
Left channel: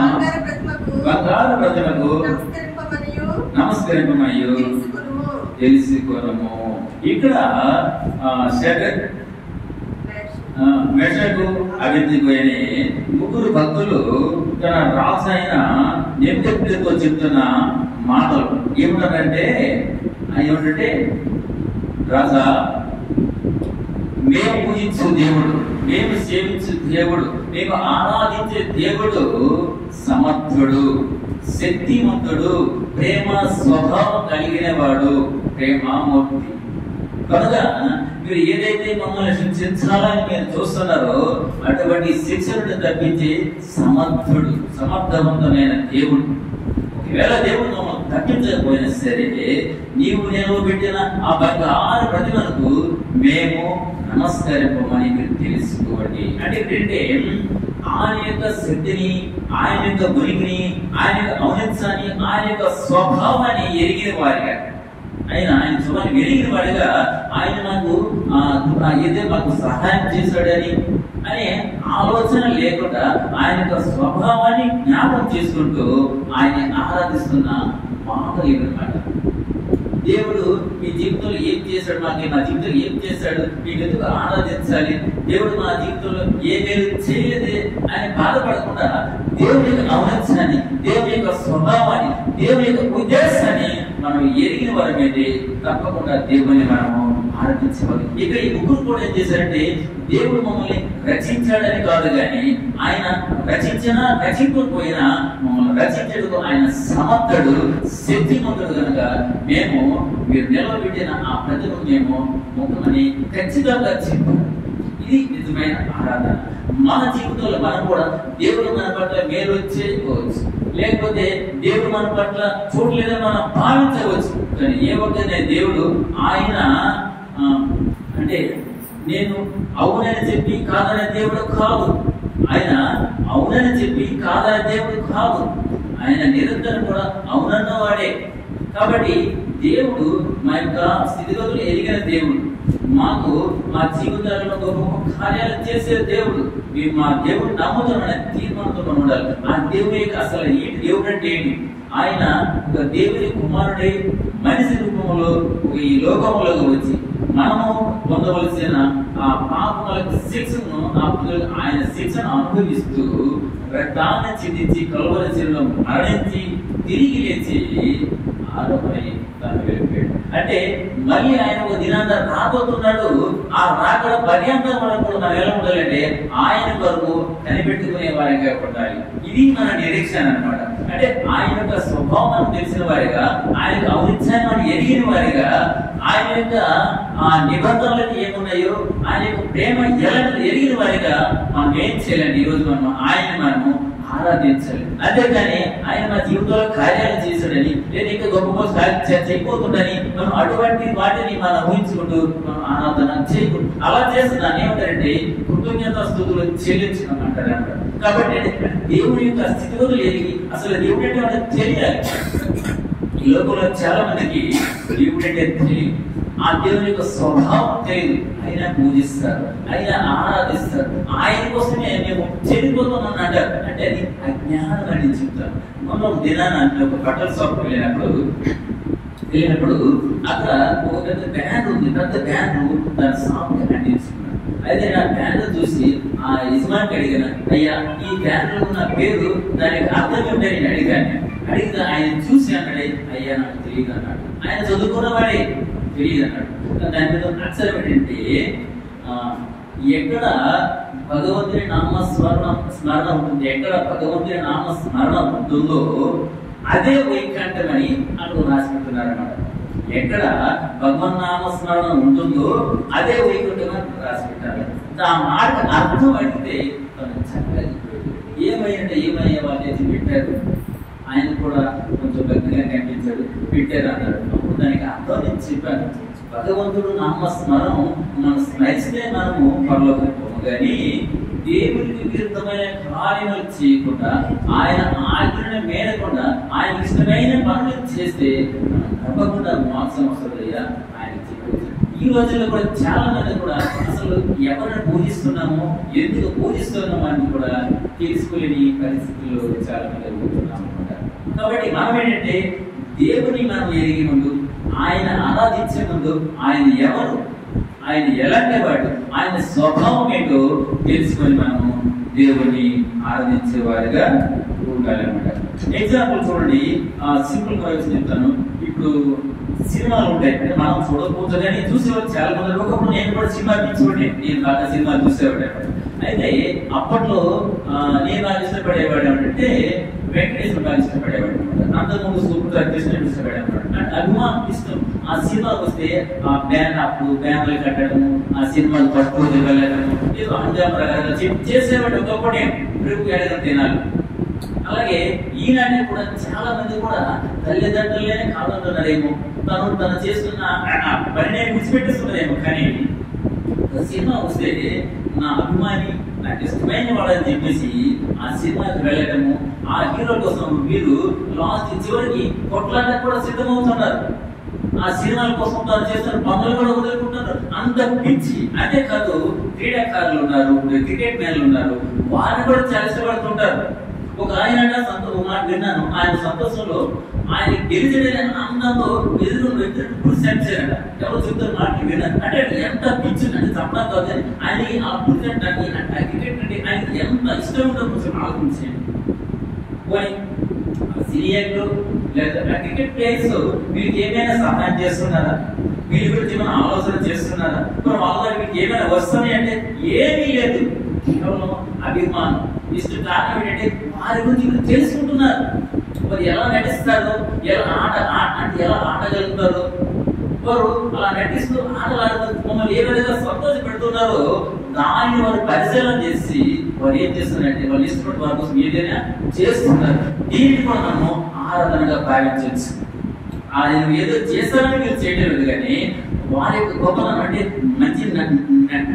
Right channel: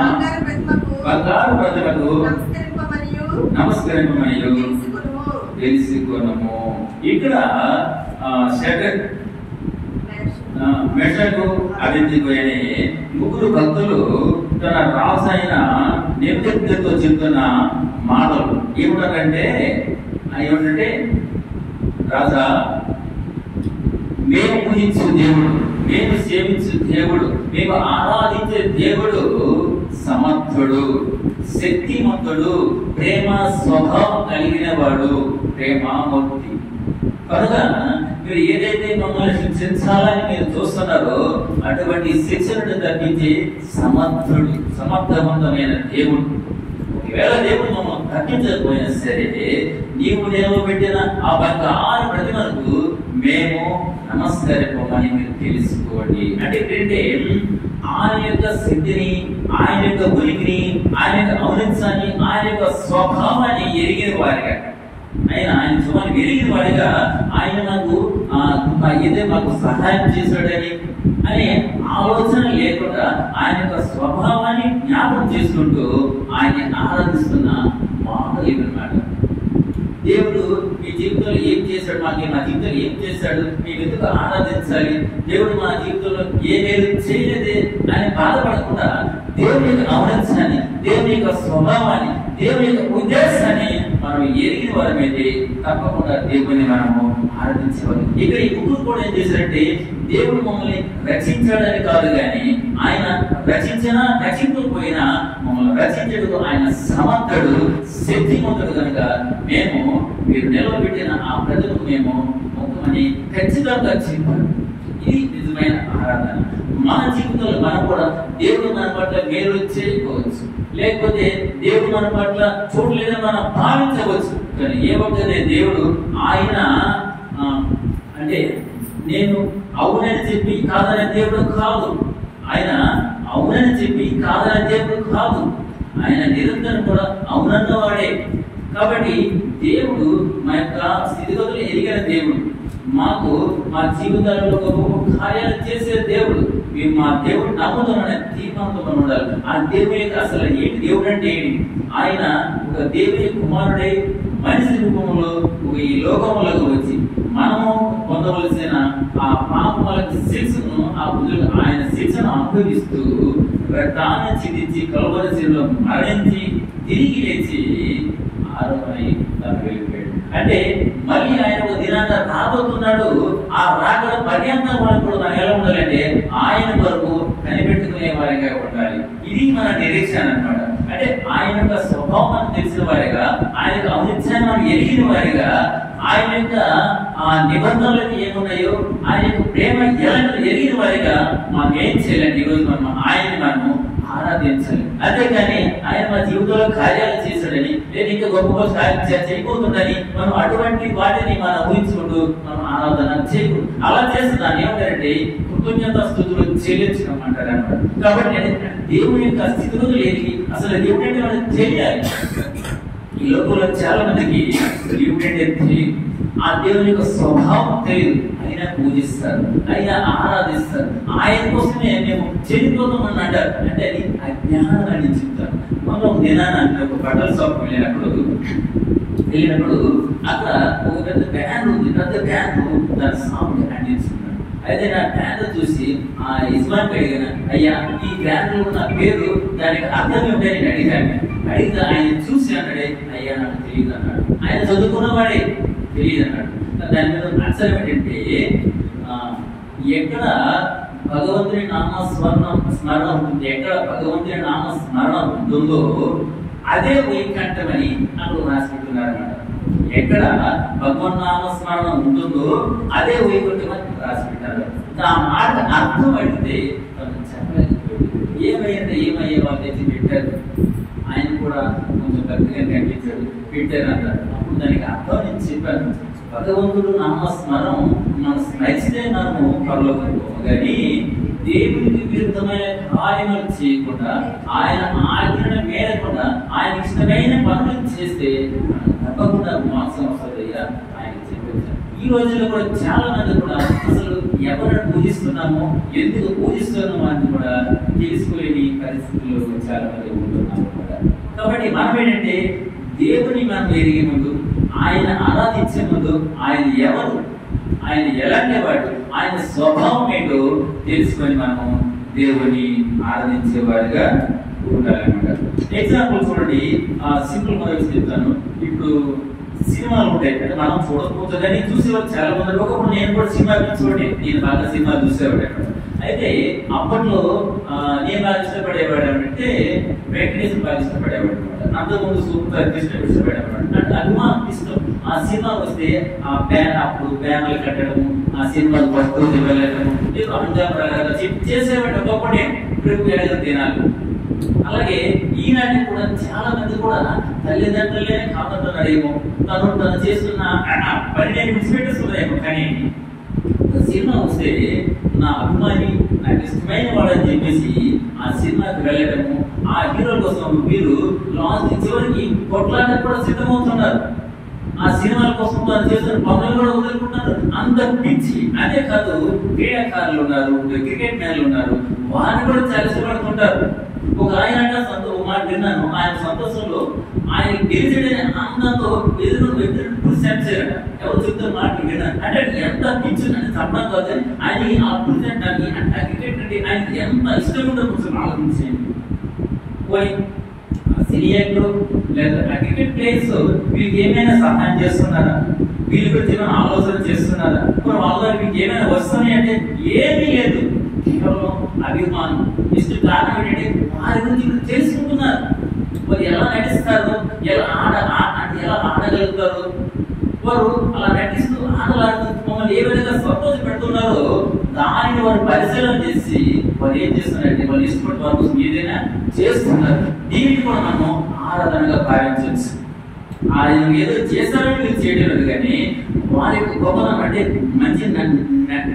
బంగారు ప్రజలకు నమస్కరింపమనియు తెలుసుకొనుము. ఇక్కడ మెషకు అభివృద్ధికి అనే ముగ్గురు భక్తులు తన రాజు అయిన నెబుకద్నెజరుతో చెప్తున్న మాటలు ఏమిటంటే రాజా మేము పూజించు దేవుడు, మేము సేవించు దేవుడు, మేము ఆరాధించే దేవుడు సమర్థుడు, శక్తిమంతుడు, ప్రేమ స్వభావం కలిగిన వాడు, ప్రేమామూర్తి. కనుక మీరు ఏదైతే మమ్మల్ని శిక్షించాలని మీరు చూస్తున్నారో అటువంటి శిక్షను తప్పించి సమర్థుడు, సమర్థవంతమైన దేవుడు. ఒకవేళ దేవుడు మమ్మల్ని తప్పించకపోయినా సరే నీవు నిలవబెట్టిన ఆ బంగారు ప్రతిమలకు మేము నమస్కరింపమని మీరు తెలుసుకోండి. అంటే ఏంటంటే ఆయన యొక్క శక్తిని, ఆయన యొక్క ఉనికిని, ఆయన యొక్క ఔన్నత్యాన్ని, ఆయన యొక్క స్వభావాన్ని ఎరిగిన వారిగా, ఆయన స్వభావాన్ని ఎరిగిన వాడిగా ఆయన మాకు ఏదో మాకు సహాయం చేశాడని అనే ఆలోచన లేకుండా ఆయన యొక్క స్వభావాన్ని జ్ఞాపకం చేసుకుంటూ ఆయన ఆరాధిస్తున్న మాటలు ఇవన్నమాట. దేవుడు మీ జీవితంలో ఏం చేశాడు, మాకు మా జీవితంలో ఏం చేశాడు, మీకు ఎందుకు ఆరాధించాలి, దేవుడు మా జీవితంలో ఏ మేలు చేయలేదే అని బాధపడకుండా దేవుని యొక్క ఔన్నత్యాన్ని, దేవుని యొక్క స్వభావాన్ని, దేవుని యొక్క ఉద్దేశాన్ని మనం ఎరిగిన వారమైతే తప్పకుండా దేవుని మనము ఆరాధించేవారు. ఇక్కడ ఈ ముగ్గురు కూడా ఏం చేశారంటే దేవుడు మమ్మల్ని రక్షించాడని కాదు, కానీ ఆయన రక్షించకపోయినా మమ్మల్ని రక్షించడు ఆయన సమర్థుడు, శక్తిమంతుడు. కనుక మేము మీరు నిలబెట్టిన ఆ ప్రజలు మేము మొత్తమని ఖచ్చితంగా చెప్పారు. ఇది నిజమైన ఆరాధన. మన జీవితంలో మనం కూడా దేవుడు మన పట్ల మేలు చేయకపోవచ్చు, లేకపోతే దేవుడు మన పట్ల చూడలేదని మనం భావించవచ్చు. కానీ ఏ ఒక్కనే దేవుడు ఆయన అంటే నేను అవునని చెప్పి కాదనే దేవుడు కాదు, ఆయన అవునని చెప్పి కాదనే దేవుడు కాదు, ఆయన నిరంతరం కూడా అవునన్నవాడే. కాబట్టి దేవుడు మా యొక్క స్థితిగతులు ఎరిగిన దేవుడు, మాకు మా జీవితాలలో గొప్ప కార్యాలు చేసే దేవుడు. మేము మా దేవుడు నమ్ముతున్నామనే తీర్మానంతో ఉండాలి. ఆ దేవుడి యొక్క అసలు ఏంటి, దేవుడు అంటే ఏంటి? ఆయన ఒక దేవుని కుమారుడై మనిషి రూపంలో ఈ లోకంలోకి వచ్చి మనము పొందవలసిన ఆ పాపములకు శిక్షను ఆయన శిక్షను అనుభవిస్తూ రక్తాన్ని చిందించి కలువరి శిలువలో మరణించి తిరిగి లేచి ఆరోపణై తను వెళ్ళిపోయాడు. అంటే మళ్ళీ ఆయన ఒక దినాన్ని రాబోతున్నాడు. ఆ రాకడ పర్యంతం మనకు మనం ఎలా ఉండాలంటే ఆయన వరకు కనిపెట్టుకునే వారిగా ఉండాలి. ఇది మన నిరీక్షణ అన్నమాట. అంటే ఆయన యొక్క స్వభావం తెలిసిన వారిగా, ఆయన యొక్క ఔన్నత్యాన్ని ఎరిగిన వారిగా, ఆయన యొక్క ఆ నిబంధనలకు ఏమున్నాయో ఆయన యొక్క ప్రేమ ఎలాంటిది ఎరిగిన వారిగా మనం ఏం చేయాలండి? ఈ రోజు మనము ఆరాధించాలి. అంతేగాని ఆయన మన జీవితంలో కార్యాలు చేశాడని, లేదా ఇంకా గొప్ప చేయబోతుందని మనం అటువంటి వాటిని మనం ఊహించుకుంటూ మనం ఆరాధన చేయకూడదు. అలా చేస్తే దాన్ని ఏమంటారంటే కృతజ్ఞత స్థుతులు చెల్లించడం అంటారు అన్నమాట. కాబట్టి దేవుని యొక్క స్థితిగతులు ఎరిగి అసలు దేవుడు అంటే వాళ్ళకి తెలియాలి. ఈ లోకంలో చాలా మందికి దేవుడు అంటే తెలియదు, ఆ దేవుని యొక్క స్వభావం తెలియదు. ఆయన పూజిస్తారు, ఆయన ఆరాధిస్తారు, ఆయన కోసమే మేము చెడిపోతామని అంటారు. అంటే అది అజ్ఞానం అని చెప్తారు. మనం దినాన్ని అంటే ఒక బట్టల షాప్ వెళ్ళినప్పుడు అక్కడ ఒక పెద్ద బ్యాన్ ఉంది. పెద్ద బ్యాన్ దాని షాప్ అంటించుకున్నాడు. అయితే ఆ బ్యాన్ చూసి ఆ యజమానికి అడిగిన, అయ్యా ఈ బ్యాన్ లో ఉన్న పేరు దానికి అర్థం ఏమిటని అడిగాను. అడిగితే ఆయన చూసి అన్నాడే, అయ్యా నాకు తెలియదు అన్నాడు. ఆయన చదువుకున్నవాడే తెలియదు అన్నాడు. దాని మీద అక్షరం ఏంటంటే ఎక్కడ భగవంతుని స్మరణ ఉంటుంది, ఎక్కడ భగవంతుని నామ స్మరణ ఉంటుందో అదే వైకంఠమని అక్కడ రాసి పెట్టున్నారు అన్నమాట. ఎక్కడ భగవన్నామ స్మరణ ఉంటుందో అదే వైకుంఠం అని రాసి పెట్టారు. ఆ మాట అర్థం అడిగితే చెప్పలేదు. ఏమయ్యే వాళ్ళు పెట్టారు, ఆయన కూడా కొంచెం పెద్దగా కనిపించాడు, పెట్టారు అన్నారు. అప్పుడు దానికి అర్థం నేను చెప్పాను. భగవంతుడు నామ స్మరణం మనం స్మరిస్తే మనము పరలోకానికి పోము, కానీ దేవునికి విరుద్ధమైన కార్యములు చేయకుండా, ఆయన ఆజ్ఞను మేరకుండా, ఆయన ఇష్టమైన పనులు చేస్తే తప్పకుండా మోసం వస్తుందయ్యా ఆయన చెప్పవచ్చు. ఈ రోజుల్లో కూడా చాలా మంది కూడా అసలు ఎవరిని పూజిస్తున్నామో, ఎందుకు పూజిస్తున్నామో అని కూడా తెలుసుకోలేని పరిస్థితుల్లో చాలా మంది ఉంటున్నాము అనమాట. కాబట్టి మనం ఏంటంటే దేవుని మనం ఎరిగే ముందు, ఆయన ఆరాధించే ముందు ఆయన ఎవరు, ఆయన ఎలాంటి వాడు, ఆయన స్వభావం ఏంటో తెలుసుకొని మనము దేవుని ఆరాధించే వారిగా ఉండాలన్నమాట. ఎగ్జాంపుల్ చూడండి, సింపుల్ గా చెప్తాను. ఇప్పుడు సినిమాలు ఉంటాయి, అంటే మనం చూడకపోతే కానీ చూసేవారు చాలా మంది. ఒకప్పుడు నేను కూడా సినిమా పిచ్చోడే, నేను బాగా సినిమాలు చూసేవాడు. అయితే అప్పట్లో నేను బాగా ఇష్టపడేవాడు అంటే వెంకటేశ్వర బాగా ఇష్టపడేవాడు అనమాట. అంతకుముందు సూపర్ కృష్ణ ఇష్టపడేవాడు. అంటే అభిమానం ఇష్టం. ఆ సినిమా వస్తే ఆ అప్పుడు బ్యానర్లు కట్టడము, ఆ సినిమాలు పట్టుకు వెళ్ళడము, ఏదో అంజాం రకాలుగా చేసేవాడు ఒకప్పుడే. ఇప్పుడు ఎడగ తినాలి. అలాగే ఈనాటి కూడా చాలా మంది కూడా తల్లిదండ్రులే కాదంటున్నారేమో, తను చేస్తున్న పని నేను విడిచిపెట్టేస్తున్నారేమో. కానీ సినిమా వస్తే నా అభిమాని, నాకు ఇష్టమైన వాడని చెప్పేసి ఆ సినిమాకి వెళ్ళటము, ఆ హీరో కోసం వీరు లాస్ట్ చివరికి కొట్లాడడానికి కూడా సిద్ధమవుతున్నారు. ఆ సినిమాల కోసం తాను చేస్తున్న పనులు కూడా వదులుకుంటున్నారు. అంత పిచ్చి. అదే కాదు, క్రీడాకారులు ఉన్నారు, క్రికెట్ మ్యాన్లు ఉన్నారు, వారిని కూడా చాలా ఇష్టపడుతుంటారు. ఒక ఆయన మాట విన్నాను, ఆయన సంతోషంలో ఆయన గెలిచడనే ఆనందంతో ఎదురు పురుషారట. ఎవరు చెప్తున్న మాట విన్నాను. అంటే ఎంత పిచ్చి అంటే చెప్పడం కాదు, ఆయన ఆ పురుషానికి అంటే ఆ క్రికెట్ అంటే ఆయన ఎంత ఇష్టం ఉంటుందో కొంచెం ఆలోచించండి. పోయి సీనియర్లు లేదా క్రికెట్ ప్లేయర్స్ వీళ్ళకి ఏమైనా సహాయం చేస్తున్నారా? వీళ్ళ గురించి ఏమైనా ఆలోచన చేస్తున్నారా? ఇప్పుడు వాళ్ళ వీళ్ళకి ఏమైనా వస్తున్నాయి అంటే ఏమీ లేదు. కేవలం అభిమానం. ఇష్టం కారణం ఏంటంటే వారి గురించి తెలుసుకుంటున్నారు. వారు ఎలా నటిస్తారు, ఎలా ఆడగలుగుతారు, వారు అలా నటిస్తూ ఆటలాడుతూ మమ్మల్ని ఏ విధంగా సంతోష పెడుతున్నారో దానిని వారు పరిశీలన చేసి వారు ఏం చేస్తున్నారంటే వాళ్ళు ఇష్టపడి వారి కోసం ఏదైనా చేస్తున్నారు. దీన్ని కూడా మనము ఆరాధనగా భావించవచ్చు. ఆయన ఏదో చేస్తారని మీరు చేయడం లేదు, కానీ వారి యొక్క గొప్పతనం అంటే మంచి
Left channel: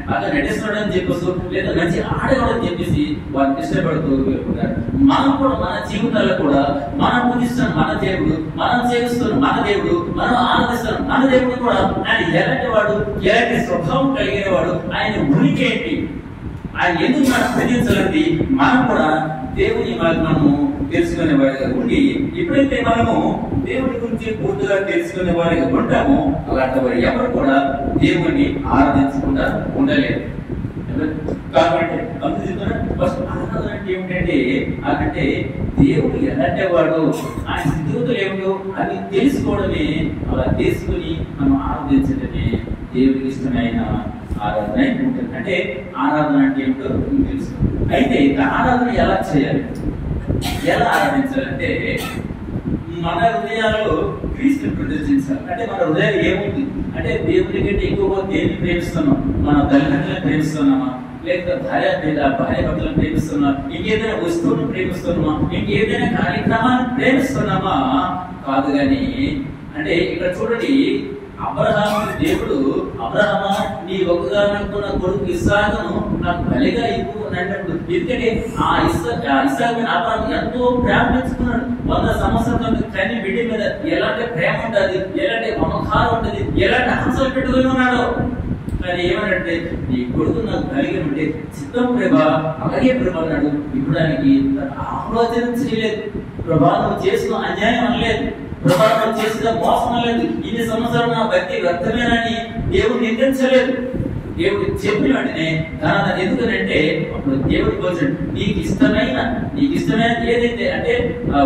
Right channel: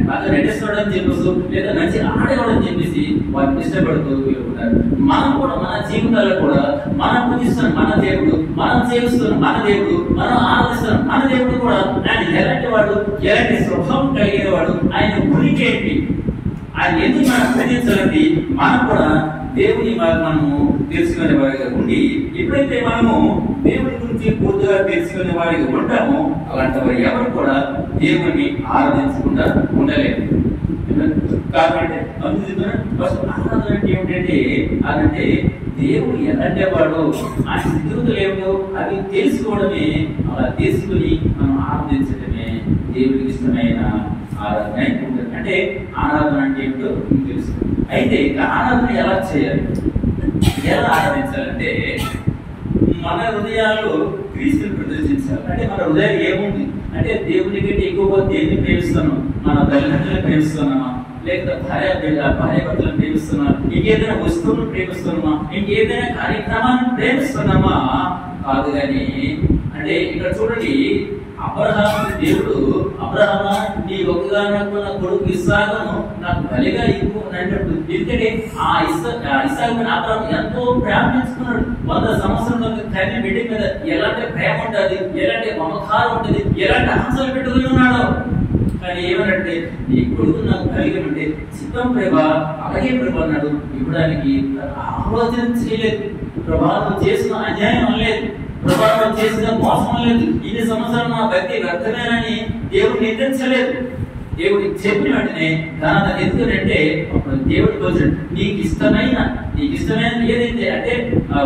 బాగా నటిస్తున్నాడని చెప్పేసి లేదా మంచి ఆడేవాడని చెప్పేసి వారిని ఇష్టపడుతూ ఉన్నారు. మనం కూడా మన జీవితాల్లో కూడా మనం పూజిస్తున్న మన దేవుడు, మనం చేస్తున్న మన దేవుడు, మనం ఆరాధిస్తున్న మన దేవుడు కూడా ఆయన ఎలాంటి వాడు, ఎలాంటి స్వభావం కలిగిన వాడు, ఆయన ఉనికి ఏంటి, ఆయన ఎందుకు మనం పూజించాలంటే మనం కూడా దేవుని మనము తెలుసుకునే వాడిగా ఉండి, ఎప్పుడైతే మనము దేవుని గురించి పూర్తిగా తెలుసుకునే వాడిగా ఉంటామో అలాంటి వారు ఎవరు కూడా దేవుని ఆరాధించకుండా ఉండలేదు. కాబట్టి ఫస్ట్ ఆరాధన అంటే ఏమిటంటే అదంటే దేవుడు ఎలాంటి వాడు, ఆయన స్థితిగతులు ఏమిటో అవి తెలుసుకోవడమే. అలా తెలుసుకుని మనం ఆరాధించడమే దేవుడికి ఇష్టమైన ఆరాధన ఉంటుంది. అంటే ఆరాధన అంటే ఏమిటో తెలుసు. అయితే ఆరాధన ఎలా చేయాలి, ఎలా ఆరాధించాలంటే మన హృదయాల్లో క్రీస్తుని ప్రదర్శించాలి. అంటే మన హృదయాలు ఏముంది అంటే దేవుని కంటే ఎక్కువగా దేన్ని ప్రేమిస్తున్నాం? మన తల్లిదండ్రులను ప్రేమిస్తున్నామా, లేకపోతే భార్యాభర్తలను ప్రేమిస్తున్నామా, ఇంకేదైనా వస్తువులను ప్రేమిస్తున్నామా, ఇంకేదైనా కార్యక్రమాన్ని ప్రేమిస్తున్నామా? కాదు. కానీ అంటే ఇక్కడ చూడండి, అబ్రహాము దేవుడు అబ్రహామా నీ ఒక్కగానొక్క కొడుకు ఇస్సాకును నాకు బలిగా ఇవ్వు అన్నప్పుడు, ఎందుకంటే ఆ ఇస్సాకుని అబ్రహాము ఎంతో ప్రేమించుకున్నాడు. 100 సంవత్సరాల కన్య బిడ్డ మీద ఎలాంటి ప్రేమ ఉంటుంది, ఎలాంటి మమకారం ఉంటుంది, ఎలాంటి ఆశలు పెట్టుకుని ఉన్నాడో. కానీ ఏమనంటే నీ కొడుకు నాకు బలిగా ఉంటే చిత్తం ప్రేమ అలాగే ప్రేమ అన్నాడు. ఇవ్వడానికి ఆలోచన చేయలేదు. ప్రభావం చేసిన అన్యాయం అనలేదు, ప్రభావం చేసిన మోసం లేదు, ఇన్ని సంవత్సరాలు నా భక్తి వ్యర్థమేనని దేవుడు నిందించలేదు. దేవుడు చెప్పిన వెంటనే ఎందుకంటే అప్పుడు దేవుడు వచ్చాడు, నీకు ఇష్టమైన ఏదైతే అంటే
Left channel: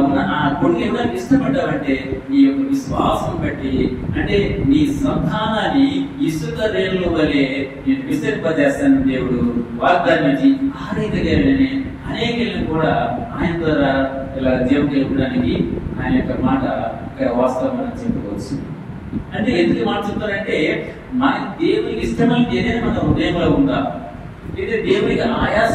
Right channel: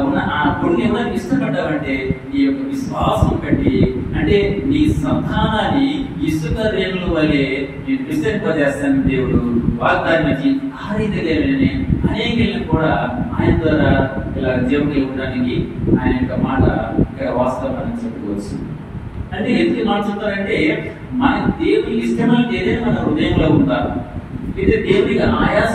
ఉన్న ఆ కొడుకు ఇవ్వడానికి ఇష్టపడ్డావంటే నీ యొక్క విశ్వాసం బట్టి, అంటే నీ సంతానాన్ని ఇసుక రేణుల వలె నేను విస్తరింపజేస్తాను దేవుడు వాగ్దానం ఇచ్చి ఆ రీతిగా అనేకలను కూడా ఆయన ద్వారా ఇలా దేవుడికి ఇవ్వడానికి ఆయన యొక్క మాట వాస్తవం అని చెప్పుకోవచ్చు. అంటే ఎందుకు మాట చెప్తారంటే మన దేవునికి ఇష్టమైన ఏదైనా మన హృదయంలో ఉందా, లేదా దేవునికి ఆయాస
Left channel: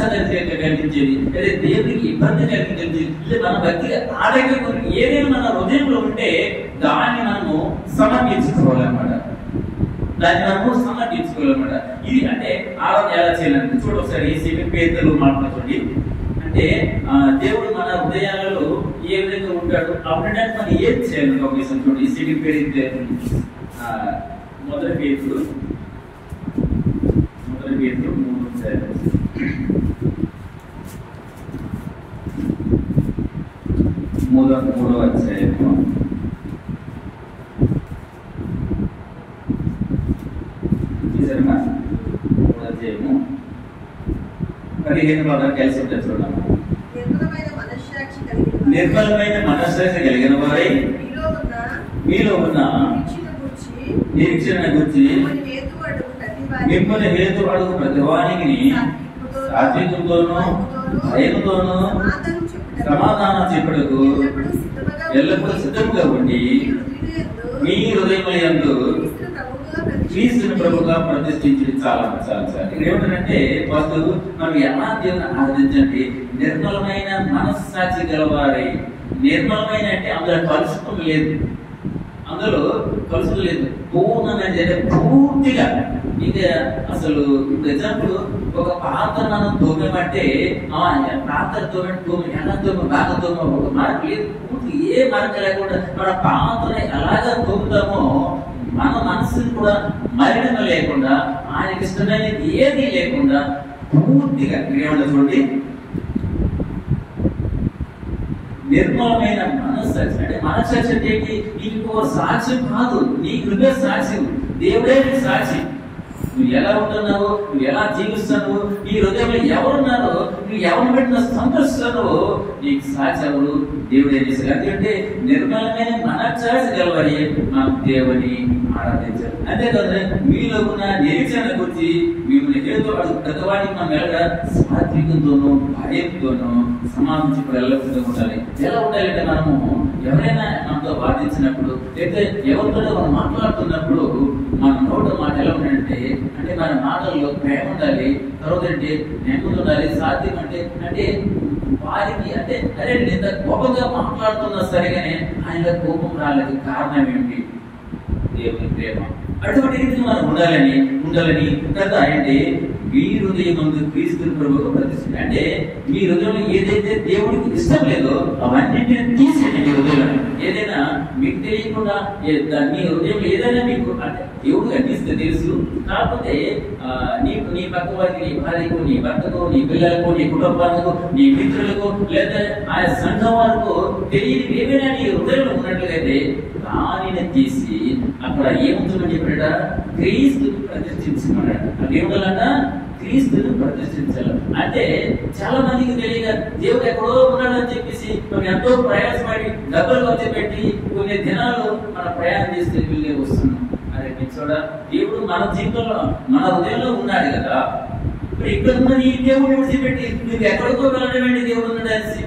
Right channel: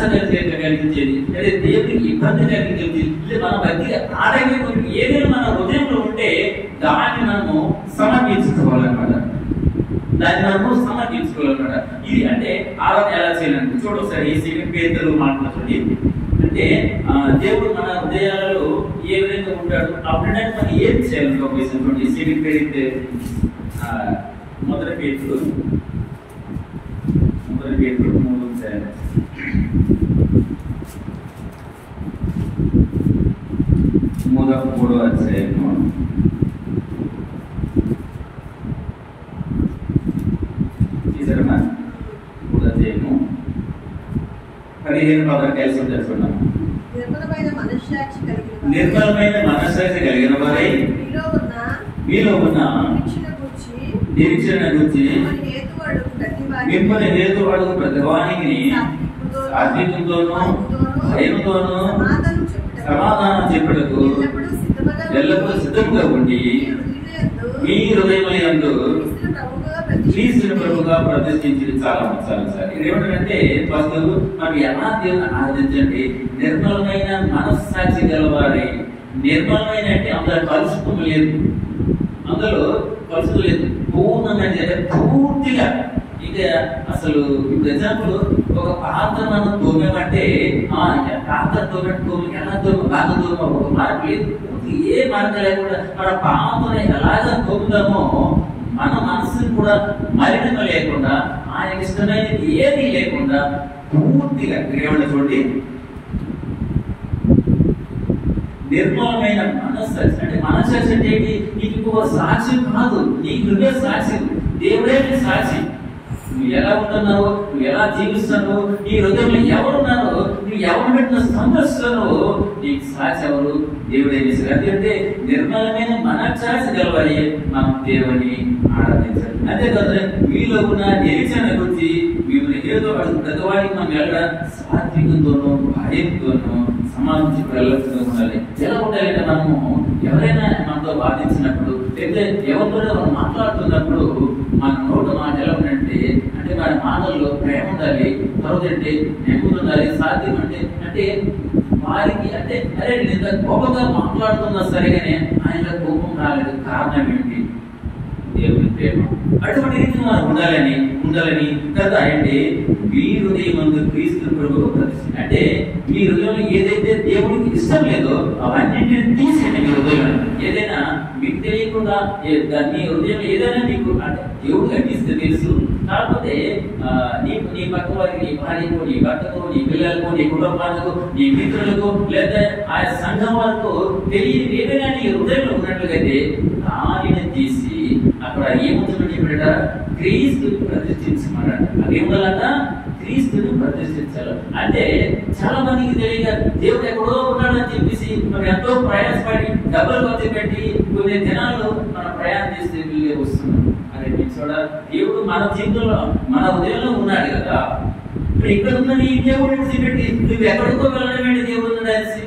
కలిగించేది, లేదా దేవునికి ఇబ్బంది కలిగించేది, లేదా మన భక్తి ఆటంకం ఏదైనా మన హృదయంలో ఉంటే దాన్ని మనము సమర్పించుకోవాలన్నమాట. ఇది అంటే ఆరాధన ఎలా చేయాలంటే చూడొకసారి ఈ 2 పేతురు మాట్లాడుతుంది. అంటే దేవుడు మన హృదయాలలో ఏ విధంగా ఉంటాడు అప్పుడే మనం ఏం చేయాలి ఒక విషయం చూడండి. ఈ 2 పేతురు మొదటి పేతురు 3వ అధ్యాయము 15 కలిసి ఉంటుంది చూడమ్మా. నిర్మలమైన మనస్సాక్షి కలిగిన వారై మీలో ఉన్న నిరీక్షణ గురించి మిమ్మల్ని హేతు అడుగు ప్రతివానికి సాత్వికంతోనూ భయంతోనూ సమాధానం చెప్పుటకు ఎల్లప్పుడూ సిద్ధంగా ఉండి మీ హృదయములందు క్రీస్తుని ప్రభుగా ప్రతిష్ఠించి చాలా ఏమిటంటే ఫస్ట్ మనం ఎలా దేవుని ఆరాధించండి, నిర్మలమైన మనస్సాక్షి గలవారి. నిర్మలమైన అంటే అందులో కలుషితం లేదు, అందులో కలుషితం లేదు, పూర్ణంగా పూర్తిగా. ఇక అసలు ఎగ్జాంపుల్ ఒక పాత్ర మనం తోమేమంటే పాత్ర తోమ ఎలా బాగా తోమ ఒక మరక లేదు, పూర్తి ఏ మరక లేకుండా మన పాత్రని ఎలాగా తోముతామో మన మనసుని కూడా మలినం లేకుండా ఆయనకి ఇష్టమైనది ఏది లేకుండా పూర్తిగా ఏమన్నా చూడండి, నిర్మలమైన మనస్సాక్షి. అంటే మనస్సాక్షి అంటే నీకు సాక్ష్యం కాదు, నీకు నువ్వే సాక్షి, దేవుడే నీ సాక్షి. నువ్వు ఎలా ఉంటున్నావు, నువ్వు ఎలా జీవిస్తున్నావు, నీ హృదయంలో ఎవరున్నారో, నువ్వు ఎవరు పెట్టిన సంతోషిస్తున్నావో నీకు సాక్షి ఎవరు, దేవుడే చేశారు. ఎందుకంటే నిర్మలమైన మనస్సాక్షి గలవారి మనం దేవుని ఆరాధించాలి. అంతేకాదు మీలో ఉన్న నిరీక్షణ గురించి మిమ్మల్ని ఏదో పెద్దవాడికి మనం వెళ్ళ సాత్వికంతోనూ భయంతోనూ సమాధించి వెళ్ళకుండా ఉండాలి. ఎలా ఉండాలంటే మనము ఎవరైనా మనతో వాదించినప్పుడు లేకపోతే ఎవరితో మనం మాట్లాడుతున్నప్పుడు మన నోటి మాట ఎలా ఉండాలంటే అంటే మన మాటల్లో ప్రేమ ఉండాలి, తర్వాత అంటే నెమ్మది ఉండాలి, సాధ్యం అంటే వారికి అంటే అరే నేను ఇంత గొప్పగా మాట్లాడుతున్నా సరిగానే ఆయన కోపం రాలేదు, కారణం ఏంటి? దేవుని ప్రేమ. అటువంటి రీతి మనం ఉండాలని కదా. అంటే మీ హృదయమందు క్రీస్తు ప్రభువు ప్రతిష్ఠ. అంటే మీ హృదయంలో ఏదైతే దేవుడికి ఇష్టం లేదో అవన్నింటిని తీసేయండి. మీ హృదయంలో ఏదైనా మీకు తెలియకుండా మీ హృదయంలో ఏదైనా మీకు అంటే దేవుడు అందిస్తే తెలుసు, కాకపోతే నీకు నీ పక్క వారికి, నీ భార్యకు, నీ భర్తకు, నీ పిల్లలకు, నీ కుటుంబాలకు, నీ మిత్రులకు లేదా ఆ సంఘం వారికి తెలియని ఏమైనా నీ హృదయంలో ఉన్నట్లయితే దానిని తీసి అక్కడ ఏముంటుందని చెప్పాడ, క్రీస్తుని ప్రతిష్ఠించమన్నాడు. అదేమిటంట, క్రీస్తుని ప్రతిష్ఠించాలి. అంటే చాలా మందికి తెలియక దేవుడు ఎక్కడో ఉన్నాడని చెప్పేసి మనం ఎంతో ప్రయాసపడి డబ్బులు ఖర్చు పెట్టి కొన్ని దినాలు మన ప్రయాణం చేస్తే వీళ్ళే వస్తున్నాం. అదే చూడ దేవుడు మన జీవితంలో మన హృదయంలో ఉన్నాడు కదా. ఇప్పుడు ఇక్కడ ఉన్న నీ దేవుడు విడిచిపెట్టి నువ్వు ఎక్కడికో వెళ్ళడం దేవుడు ఉండాల్సి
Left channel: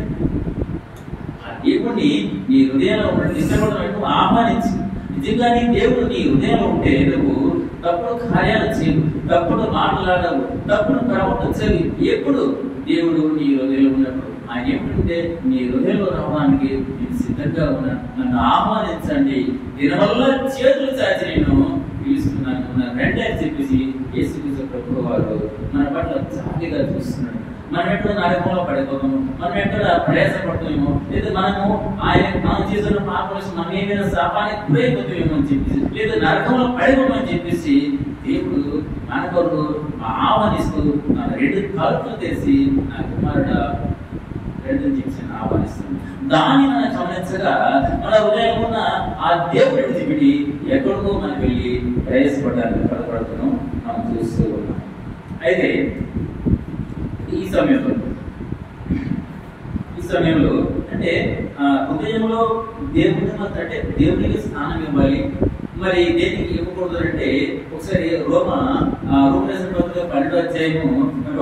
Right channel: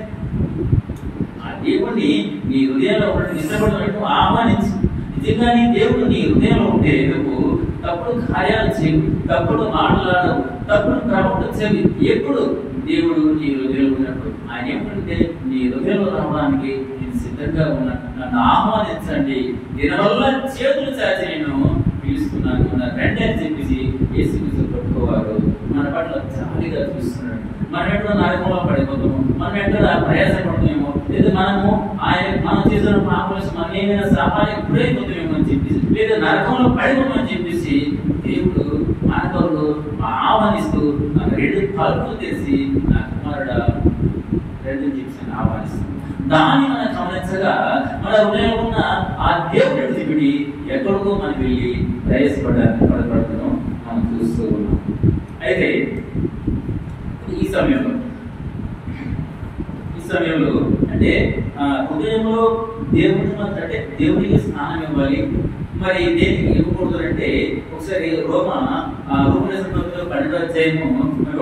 ఆ దేవుడిని నీ హృదయంలో ఉన్న ఇష్టపడడం ఆహ్వానించి నిజంగా నీ దేవుడు నీ హృదయంలో ఉంటే నువ్వు తప్పుడు కార్యాలు చేయవు, తప్పుడు మాట్లాడవు, తప్పుడు ప్రవర్తించేవి. ఎప్పుడు దేవుడు నీ హృదయంలో ఉన్నప్పుడు ఆయన ఏమిటంటే నీ హృదయంలో రావడానికి నేను సిద్ధంగా ఉన్నాను, నన్ను ఆహ్వానించండి, దీనివల్ల చేతులు చాచి నేను పిలుస్తున్నాను రండి అని చెప్పేసి యేసుక్రీస్తు ప్రభువు వారు మన పట్ల జాలిగా చూస్తున్నాడు. మనం ఎక్కడో నరకంలో పడిపోతాము, మనం ఎక్కడ ప్రయాసపడుతామేమో, లేదా మనం చేసిన పాపం మనం ఏమైనా శాపానికి గురైపోతామేమో అని చెప్పేసి, లేదా నరకంలో పడిపోమని చెప్పేసి దేవుడు మన కొరకు ఆహ్వానిస్తూ నాకు 2 తలుపులు తెరిచి నా కుమారుడ రెండు చెప్పి ఆహ్వానిస్తుంది. దాన్ని మనం గమనించగా మన హృదయంలో ఉన్న ఆ దేవుడి విడిచిపెట్టి ఎక్కడికో మనం వెళ్ళి ప్రయాసపడడానికి పడబడుతున్నాం మనం చూస్తూ ఉన్నాం. అయితే ఈ సమయంలో అంటే హృదయంలో దేవుని అంటే దేవునికి స్థానం ఇవ్వాలి. మరి దేనికి ఇవ్వకూడదు అంటే ఒకసారి రోమరేసిన పత్రిక 12వ అధ్యాయము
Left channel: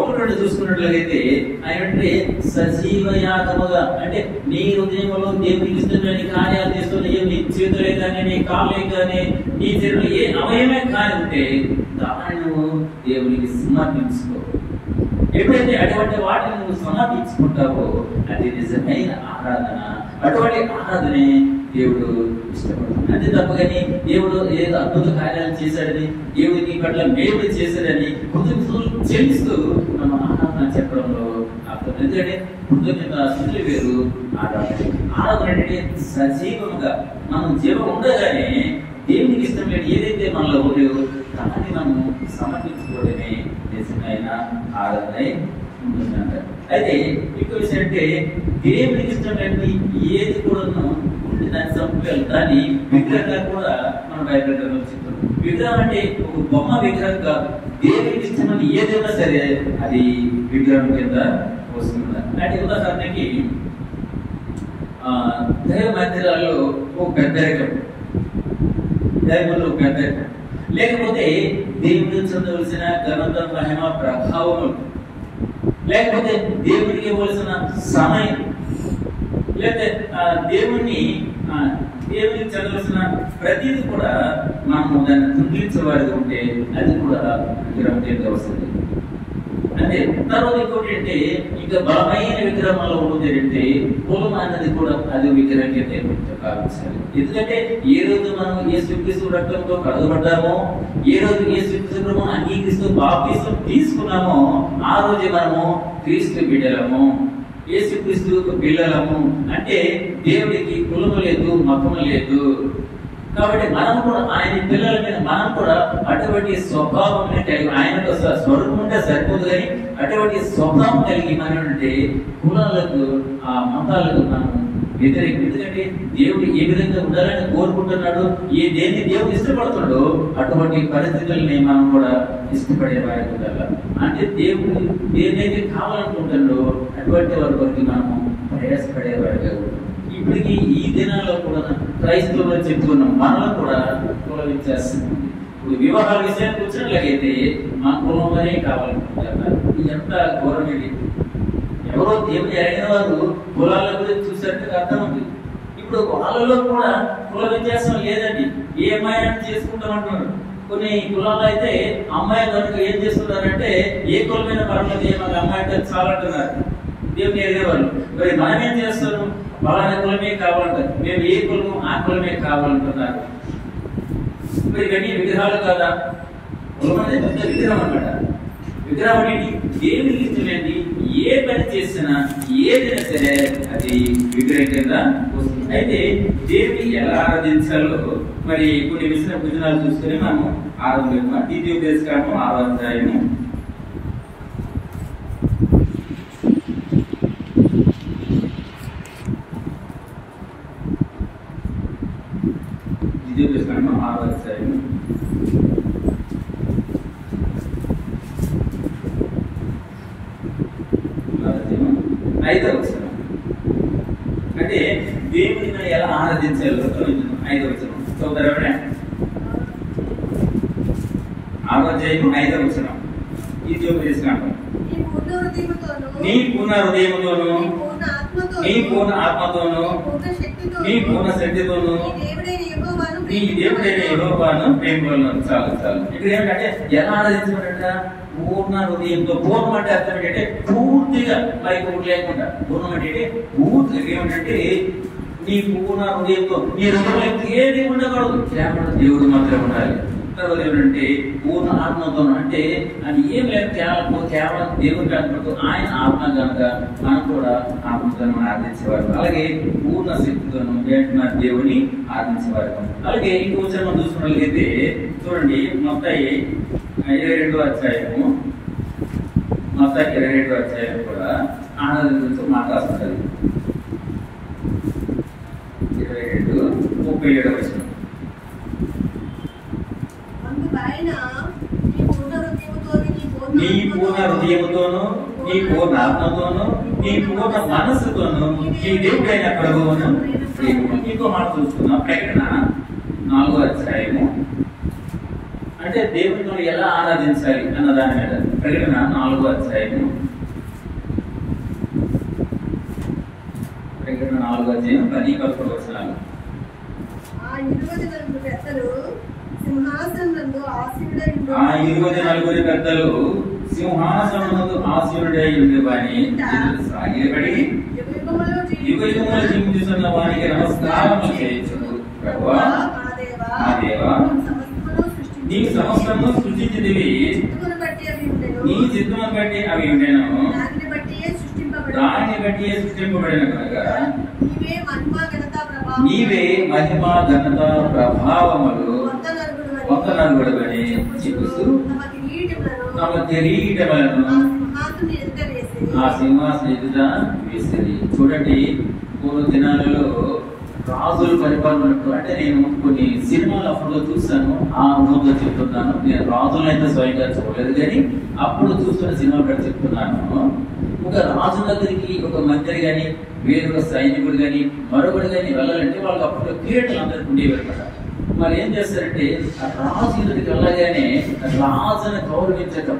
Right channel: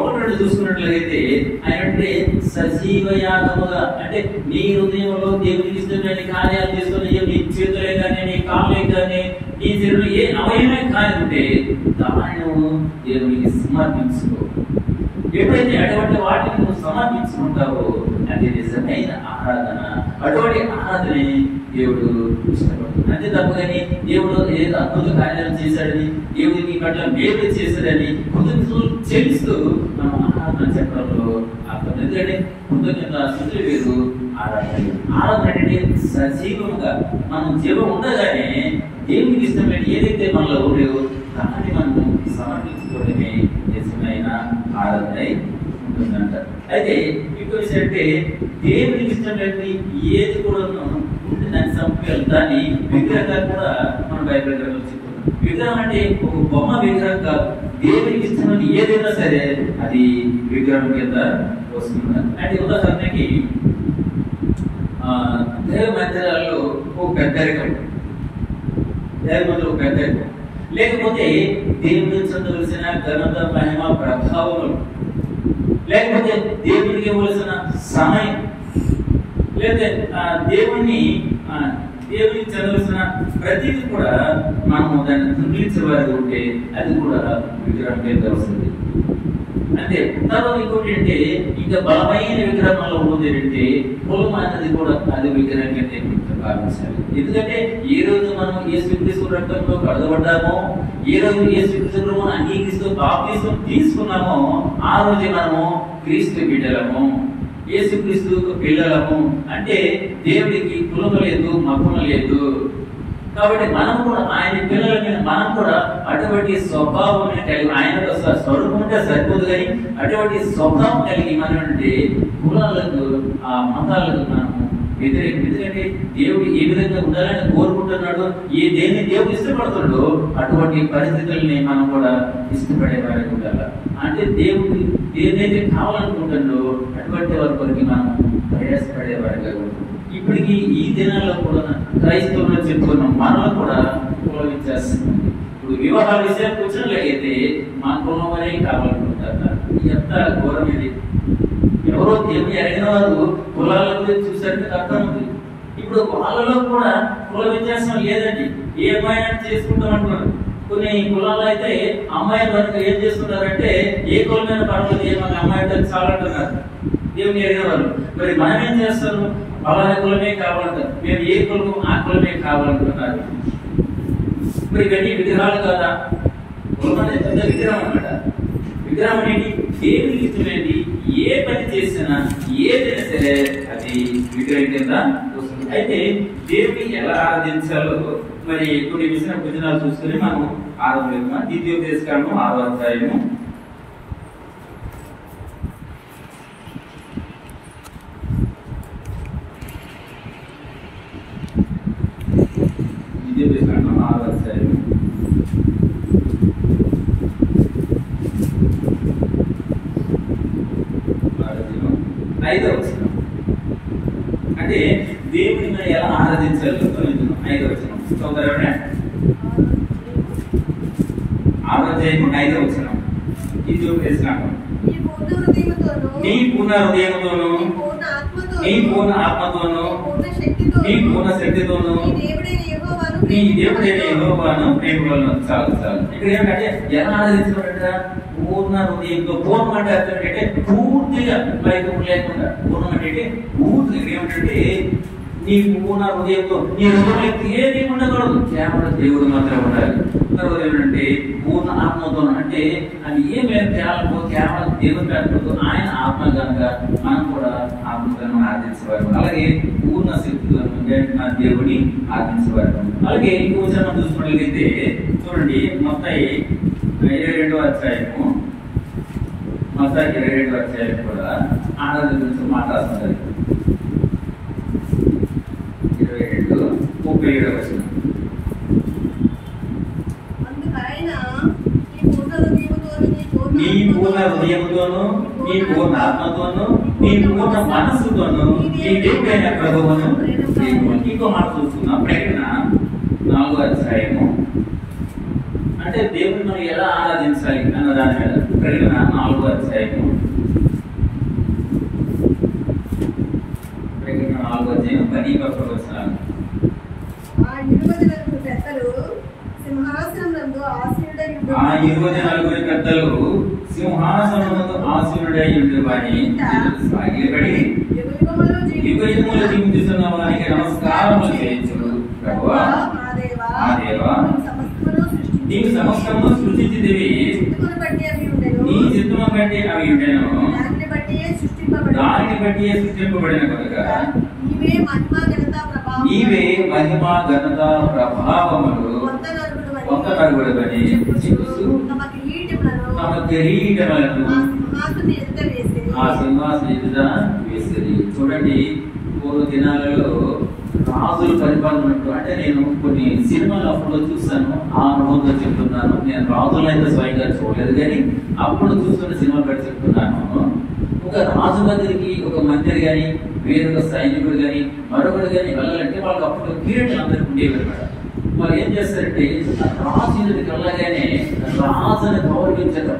1-2 చూసుకున్నట్లయితే ఆయన అంటే సజీవ యాగముగా అంటే నీ హృదయంలో దేవునికి ఇష్టమైన కార్యాలు చేసుకుని నీ చేతులే కానీ, నీ కాళ్ళే కానీ, నీ చేతులు ఏ అవయమే కానీ ఉంటే దాన్ని నువ్వు దేవునికి సమర్పించుకో. ఎప్పుడైతే అటువంటి వాటిని నువ్వు సమర్పించుకుంటావో అది నిజమైన ఆరాధన. అటువంటి ఆరాధనే దేవుడు ఇష్టపడుతుంది. అంతే తప్ప కానీ దేవుడు ఏదో అద్భుత కార్యాలు చేశాడని, దేవుడు నీ పట్ల మేలు చేశాడని కృతజ్ఞతలు చెల్లిస్తూ మనం ఆరాధన చెప్పడంలో అర్థం. ఎందుకంటే కృతజ్ఞత స్థితులు వేరు, ఆరాధన అంటే సజీవంగా మనం జీవం ఉండగానే దేవునికి ఇష్టమైన ఏదైతే మనలో ఉండేవో దాన్ని మనము సమర్పించుకోవడమే నిజమైన ఆరాధన ఉంటుందంట. అయితే ఇంకో విషయం అంటే దేవునికి ఇష్టమైన ఏది కూడా దాన్ని చంపేయాలి. దాన్ని విగ్రహంగా కూడా మనం బయటపెట్టాలని చెప్తాం. విగ్రహం అంటే ఒక బొమ్మ విగ్రహం కాదు, దేవునికి ఇష్టమైన ఏదైనా సరే అది విగ్రహం కింద వస్తుంది. అంటే ఉదాహరణకి దైవ మందిరాల్లో ఒక పెద్దరికం, దైవంలో ఒక పెద్దరికం లేకపోతే దేవుడికి చెందవలసిన ఘనత మహిమ ప్రభావములు, లేకపోతే దేవుడికి ఇవ్వవలసిన సమయం, లేకపోతే దేవునికి చెందవలసిన ప్రతిదీ కూడా మనము దాన్ని తుంగిలించేవారు ఉంటే అది కూడా విగ్రహం కింద వస్తుంది. అంటే తర్వాత ఇంకోటి అంటే ఇంకా బలమైన విగ్రహంలో ఉంది అంటే కులం అన్నది కూడా అది విగ్రహం కింద భావించాలి. ఎందుకంటే ఏ రోజు మనం యేసుక్రీస్తు రక్తంతో కడగబడ్డామో, ఏ రోజు యేసుక్రీస్తు మనం అంగీకరిస్తూ బాప్తిసం తీసుకున్నామో ఆ రోజే మనము క్రీస్తు బిడ్డలము, యేసుక్రీస్తు పిల్లలము. అంటే దేవుడికి కులం లేదు, మతం లేదు. కాబట్టి మనం కూడా ఆయన పిల్లల మీద మనం కూడా అటువంటి స్వభావం కలిగి, ఆయన స్వరూపం ఉంటే సరిపోదు కానీ అటువంటి స్వభావం కలిగి మనం అంటే కులాలకు ఆ మతాలకు మనం వ్యతిరేకం. ఎందుకంటే దేవుడు ఏ విధంగా ఉండాలని కోరుకుంటున్నాడు, దేన్ని దేవుడు ఇష్టపడుతున్నాడో అటువంటి పరిస్థితుల్ని మనం కూడా ఇష్టపడే వారికి ఉండాలి. అంటే దేవుడు ఏదైతే కావాలనుకుంటున్నాడో అటువంటి వారి కొరకు మనం ప్రయాసపడే వారిగా. ఇప్పటికీ ఈ దినాల్లో కూడా క్రైస్తవులు చెప్తున్నాం, మనలో కూడా కుల వ్యత్యాసం ఉంది. ఇప్పుడు వివాహ విషయానికి వచ్చినట్లయితే మా కులం వరే కావాలనుకుంటారు. ఎంత ఘోరం ఇది! ఎవరో దేవుని ఎరిగిన వారు కులాల గురించి చూసారంటే అర్థం ఉంది. ఇప్పుడు వాళ్ళలో కూడా కుల వ్యత్యాసం లేదండి, ఏ అమ్మాయినా చేసుకుంటాం అంటున్నారు. కొన్ని కులాలు అయితే అమ్మాయి కనుక ఏం చేస్తున్నారంటే ఏ కులమైన పర్వాలేదు, మాకు అమ్మాయి అంటే చాలా అంటున్నారు దేవుని ఎరిగిన వాళ్ళు. మరి మనం ఏం చేస్తారు, బలాన కులమే కావాలంటారు, మేము ఏ కులము ఆ కులమే కావాలంటున్నారు. మరి ఇవన్నీ విగ్రహాలు కదా, కులం అనేది పెద్ద విగ్రహం అన్నమాట. విగ్రహం ఏంటి? దేవునికి ఇష్టమేంటి? ఏ పని చేసినా ఏదైనా సరే అది విగ్రహం కింద వస్తుంది. అయితే దేవుని ఎలా ఆరాధించాలో మరి కొన్ని వచనాలు చూసుకుని మనం ఆరాధన. ద్వితీయోపదేశకాండం 6వ అధ్యాయము 6వ అధ్యాయము 5వ వచనం. అంటే దేవుని మనం ఎలా ఆరాధించాలో 5వ వచనం చదువుతారా? 6వ అధ్యాయం 5వ వచనం. ద్వితీయోపదేశకాండం. నీ పూర్ణ హృదయముతోను, నీ పూర్ణ ఆత్మతోను, నీ పూర్ణ శక్తితోను నీ దేవుడైన యెహోవాను ప్రేమించు. చాలు. ఇక్కడ ఏంటంటే ఎలా ఆరాధించాలంట? పూర్ణ హృదయంతో. పూర్ణం అంటే అర్థం ఏంటంటే పూర్తిగా, మరి లేకుండా. పూర్ణం అంటే పూర్తిగా ఏమిటంటే నీ పూర్ణ హృదయంతో, నీ హృదయంలో ఏది ఉండకూడదు, కేవలం దేవుడు మాత్రం ఉండాలి. తర్వాత ఏంటంటే పూర్ణ ఆత్మతో, అంటే అది ఏం లేదు, కేవలం దేవుడు కాకపోతే ఆయన ఆత్మ కనుక మనం కూడా ఆత్మతో ఆరాధించేవారు. అలాగే పూర్ణ శక్తితో దేవుని ఆరాధించేవారు. అలాగే ఇంకో మనం చూసుకున్నట్లయితే చూడండి, మత్తయి 22వ అధ్యాయము, మత్తయి 22వ అధ్యాయం కూడా ఆరాధన గురించి మాట్లాడుతుంది. 22:37 వచనం. నీ పూర్ణ హృదయముతోను, నీ పూర్ణ ఆత్మతోను, నీ పూర్ణ మనస్సుతోను నీ దేవుడైన ప్రభువును. ఇంకో మాట చూస్తున్నాం, ప్రకటన 4వ అధ్యాయము. అంటే దేవుని మనం ఎలా ఆరాధించాలి అన్న దాని మీద. ప్రకటన 4వ అధ్యాయము, ప్రకటన 4వ అధ్యాయం 10-11 వచనాలు. ఆ 24 పెద్దలు సింహాసనమునందు ఆసీనుడై ఉండువాని సాగిలపడి యుగయుగములు జీవిస్తున్న వానికి నమస్కారములు చేయించును. ప్రభువా మా దేవా, నీవు సమస్తమును సృష్టించితివి, నీ చిత్తమును బట్టి అవి ఉండెను, దానిని బట్టి సృష్టింపబడిన కనుక నీవే మహిమ ఘనత ప్రభావములు వందనగుడవని చెప్పుచు తమ కిరీటములను ఆ సింహాసనం ఎదుట వేసిరి. చూడండి, పూర్వ దినాలలో రాజులు పరిపాలన ఉన్నట్టు. అంటే నేను కొన్ని సినిమాలు అప్పుడు చూస్తాను, ఆ అనుభవంతో చెప్తున్నాను. నేను రాజులైతే స్వయంగా చూడలేదు, కానీ అప్పుడు చూస్తున్న సినిమాలు కూడా చెప్తున్నాను. ఒక రాజు దగ్గరికి ఒక మంత్రి కానీ, వేరొక సైనికుడు కానీ, మరొకటి కానీ వెళ్ళాలంటే వాళ్ళకి అప్పుడు కిరీటాలు అందరికి ఉండేవి అనమాట. మరి ఏం చేస్తారంటే రాజు ఎదుటికి వెళ్ళగానే రాజుని గౌరవించటం,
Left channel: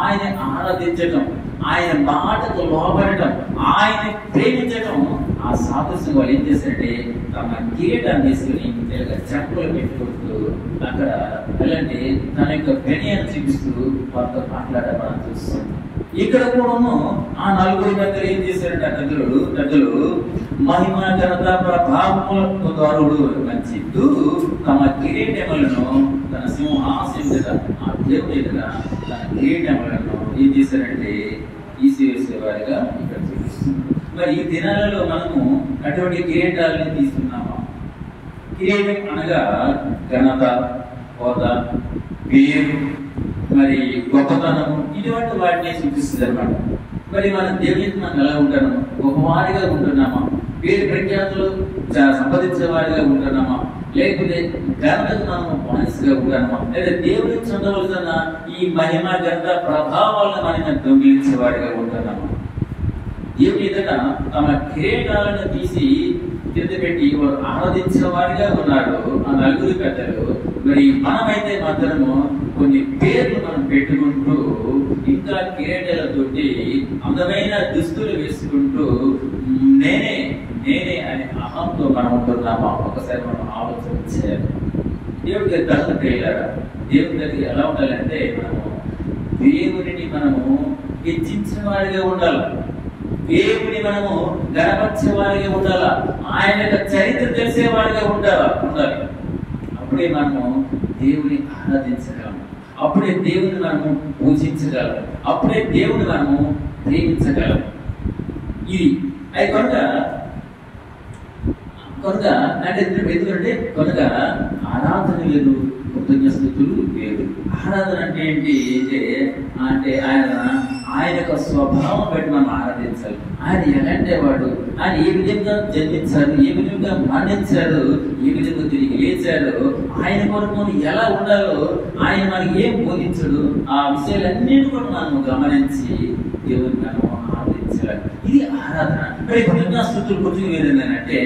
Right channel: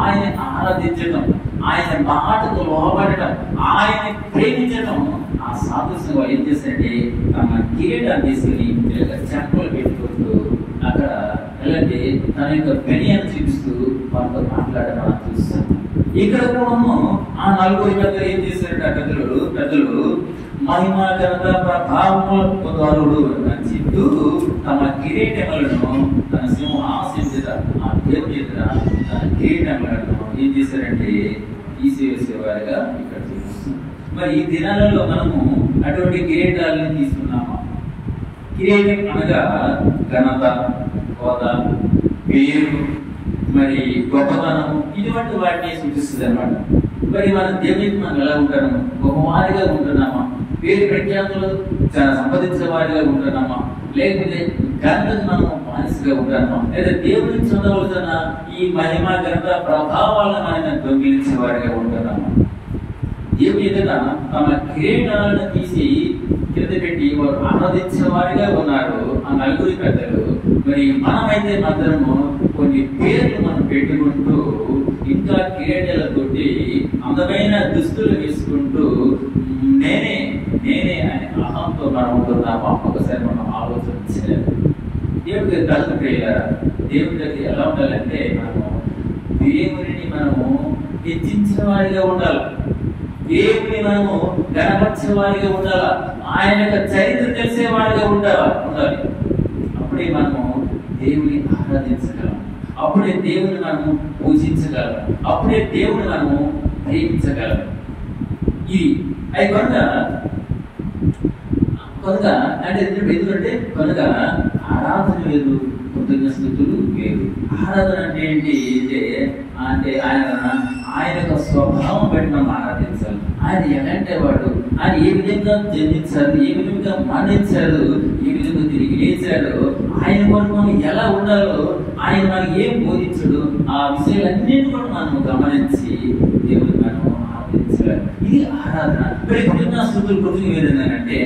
ఆయన ఆరాధించటం, ఆయన మాటకు లోబడటం, ఆయన ప్రేమించటం, ఆ సాదృశ్యం వాళ్ళు ఏం చేస్తారంటే తమ కిరీటాన్ని తీసుకుని చెప్పులు పెట్టుకుంటూ అక్కడ ఎలాంటి తన యొక్క పెనియను చూపిస్తూ వాళ్ళతో మాట్లాడడం మనం చూస్తాం. ఇక్కడ కూడాను ఆ నలుగురి దగ్గర ఏం చేశారంటే ఆ పెద్దలు మహిమ ఘనత ప్రభావములు నచ్చిస్తూ తమ కిరీటములను తన సింహాసనం మీద ఆ దేవుని దగ్గర తన కిరీటములను ఏం చేశారంటే తీసివేసేవారుగా ఇక్కడ చూపిస్తుంది. మరి ఈ దినాలలో మనము అటువంటి కిరీటాలని తీసుకున్నాము. కిరీటం అనగా ఘనత, హోదా, పేరు, మరి గొప్పతనము, ఇటువంటి వాటిని సూచిస్తుంది అన్నమాట. మరి మన దేవునికి మనం ఎలా ఉంటున్నాము? గొప్పవారిగా ఉంటున్నామా? పేరు ప్రఖ్యాతులు సంపాదించే వారిగా ఉంటున్నామా? లేకపోతే ఘనతకు మనం బానిసగా ఉంటున్నామా? లేదా దేవుడి నుంచి ఉండవలసిన ఈ మహిమ ఘనత ప్రభావాలను మనం దొంగిలించే వారిగా ఉంటున్నామా? దేవుని ఎదుట తమ కిరీటాలను తీసి కింద పెట్టి వారు ఆరాధించే వారిగా ఉన్నారు ఆ నలుగురి పెద్దలు. మరి మనమైతే మాత్రము కొన్ని పేర్లు మనం పెట్టుకుంటూ ఇంకా కిరీటాలతోటి అందమైన దుస్తులు వేసుకుంటూ నేనే అనే అహంతో మనం ఉంటున్నాము. ఒక్కసారి మనం ఆలోచన చేయాలి. దేవుడి దగ్గర తలుపుతారా? దేవుడి దగ్గర ఎలా ఉండాలంటే మనము దేవుడిని మనము హెచ్చించిన వారిగా ఉండాలి. దేవుని మనము గణపరిచే వారిగా ఉండాలా. ఆయన యొక్క చరిత్ర తెలిసే వారిగా ఉండాలి. అప్పుడే మనము దేవుని ఆరాధించగలం, అప్పుడే దేవుని మనము పూజించగలం, అప్పుడే దేవుని మనము ప్రేమించగలం. ఇది అది కనుక అంటే ఎందుకంటే కనుక ఆరాధన లేదు, కృతజ్ఞతలు లేదు. ఆరాధన అంటే ఏంటి అంటే ఆయన యొక్క స్వభావం బట్టి మనం ఆరాధించాలి. ఆయన ఎలాంటి వాడు, ఆయన ఏ విధంగా జన్మించారు, ఏ విధంగా మరణించారు, ఏ విధంగా తిరిగి లేచాడు, ఆయన కొరకు మనం ఎలా ఉండాలో ఆయన మనకి ఏం బోధించడు, ఆ విషయాలన్నింటినీ కూడా మనం గమనించి దేవుని మనం ఆరాధించాలి. ఇది ఆరాధన. మరి కృతజ్ఞతాస్తుతుల గురించి ఏదైందంటే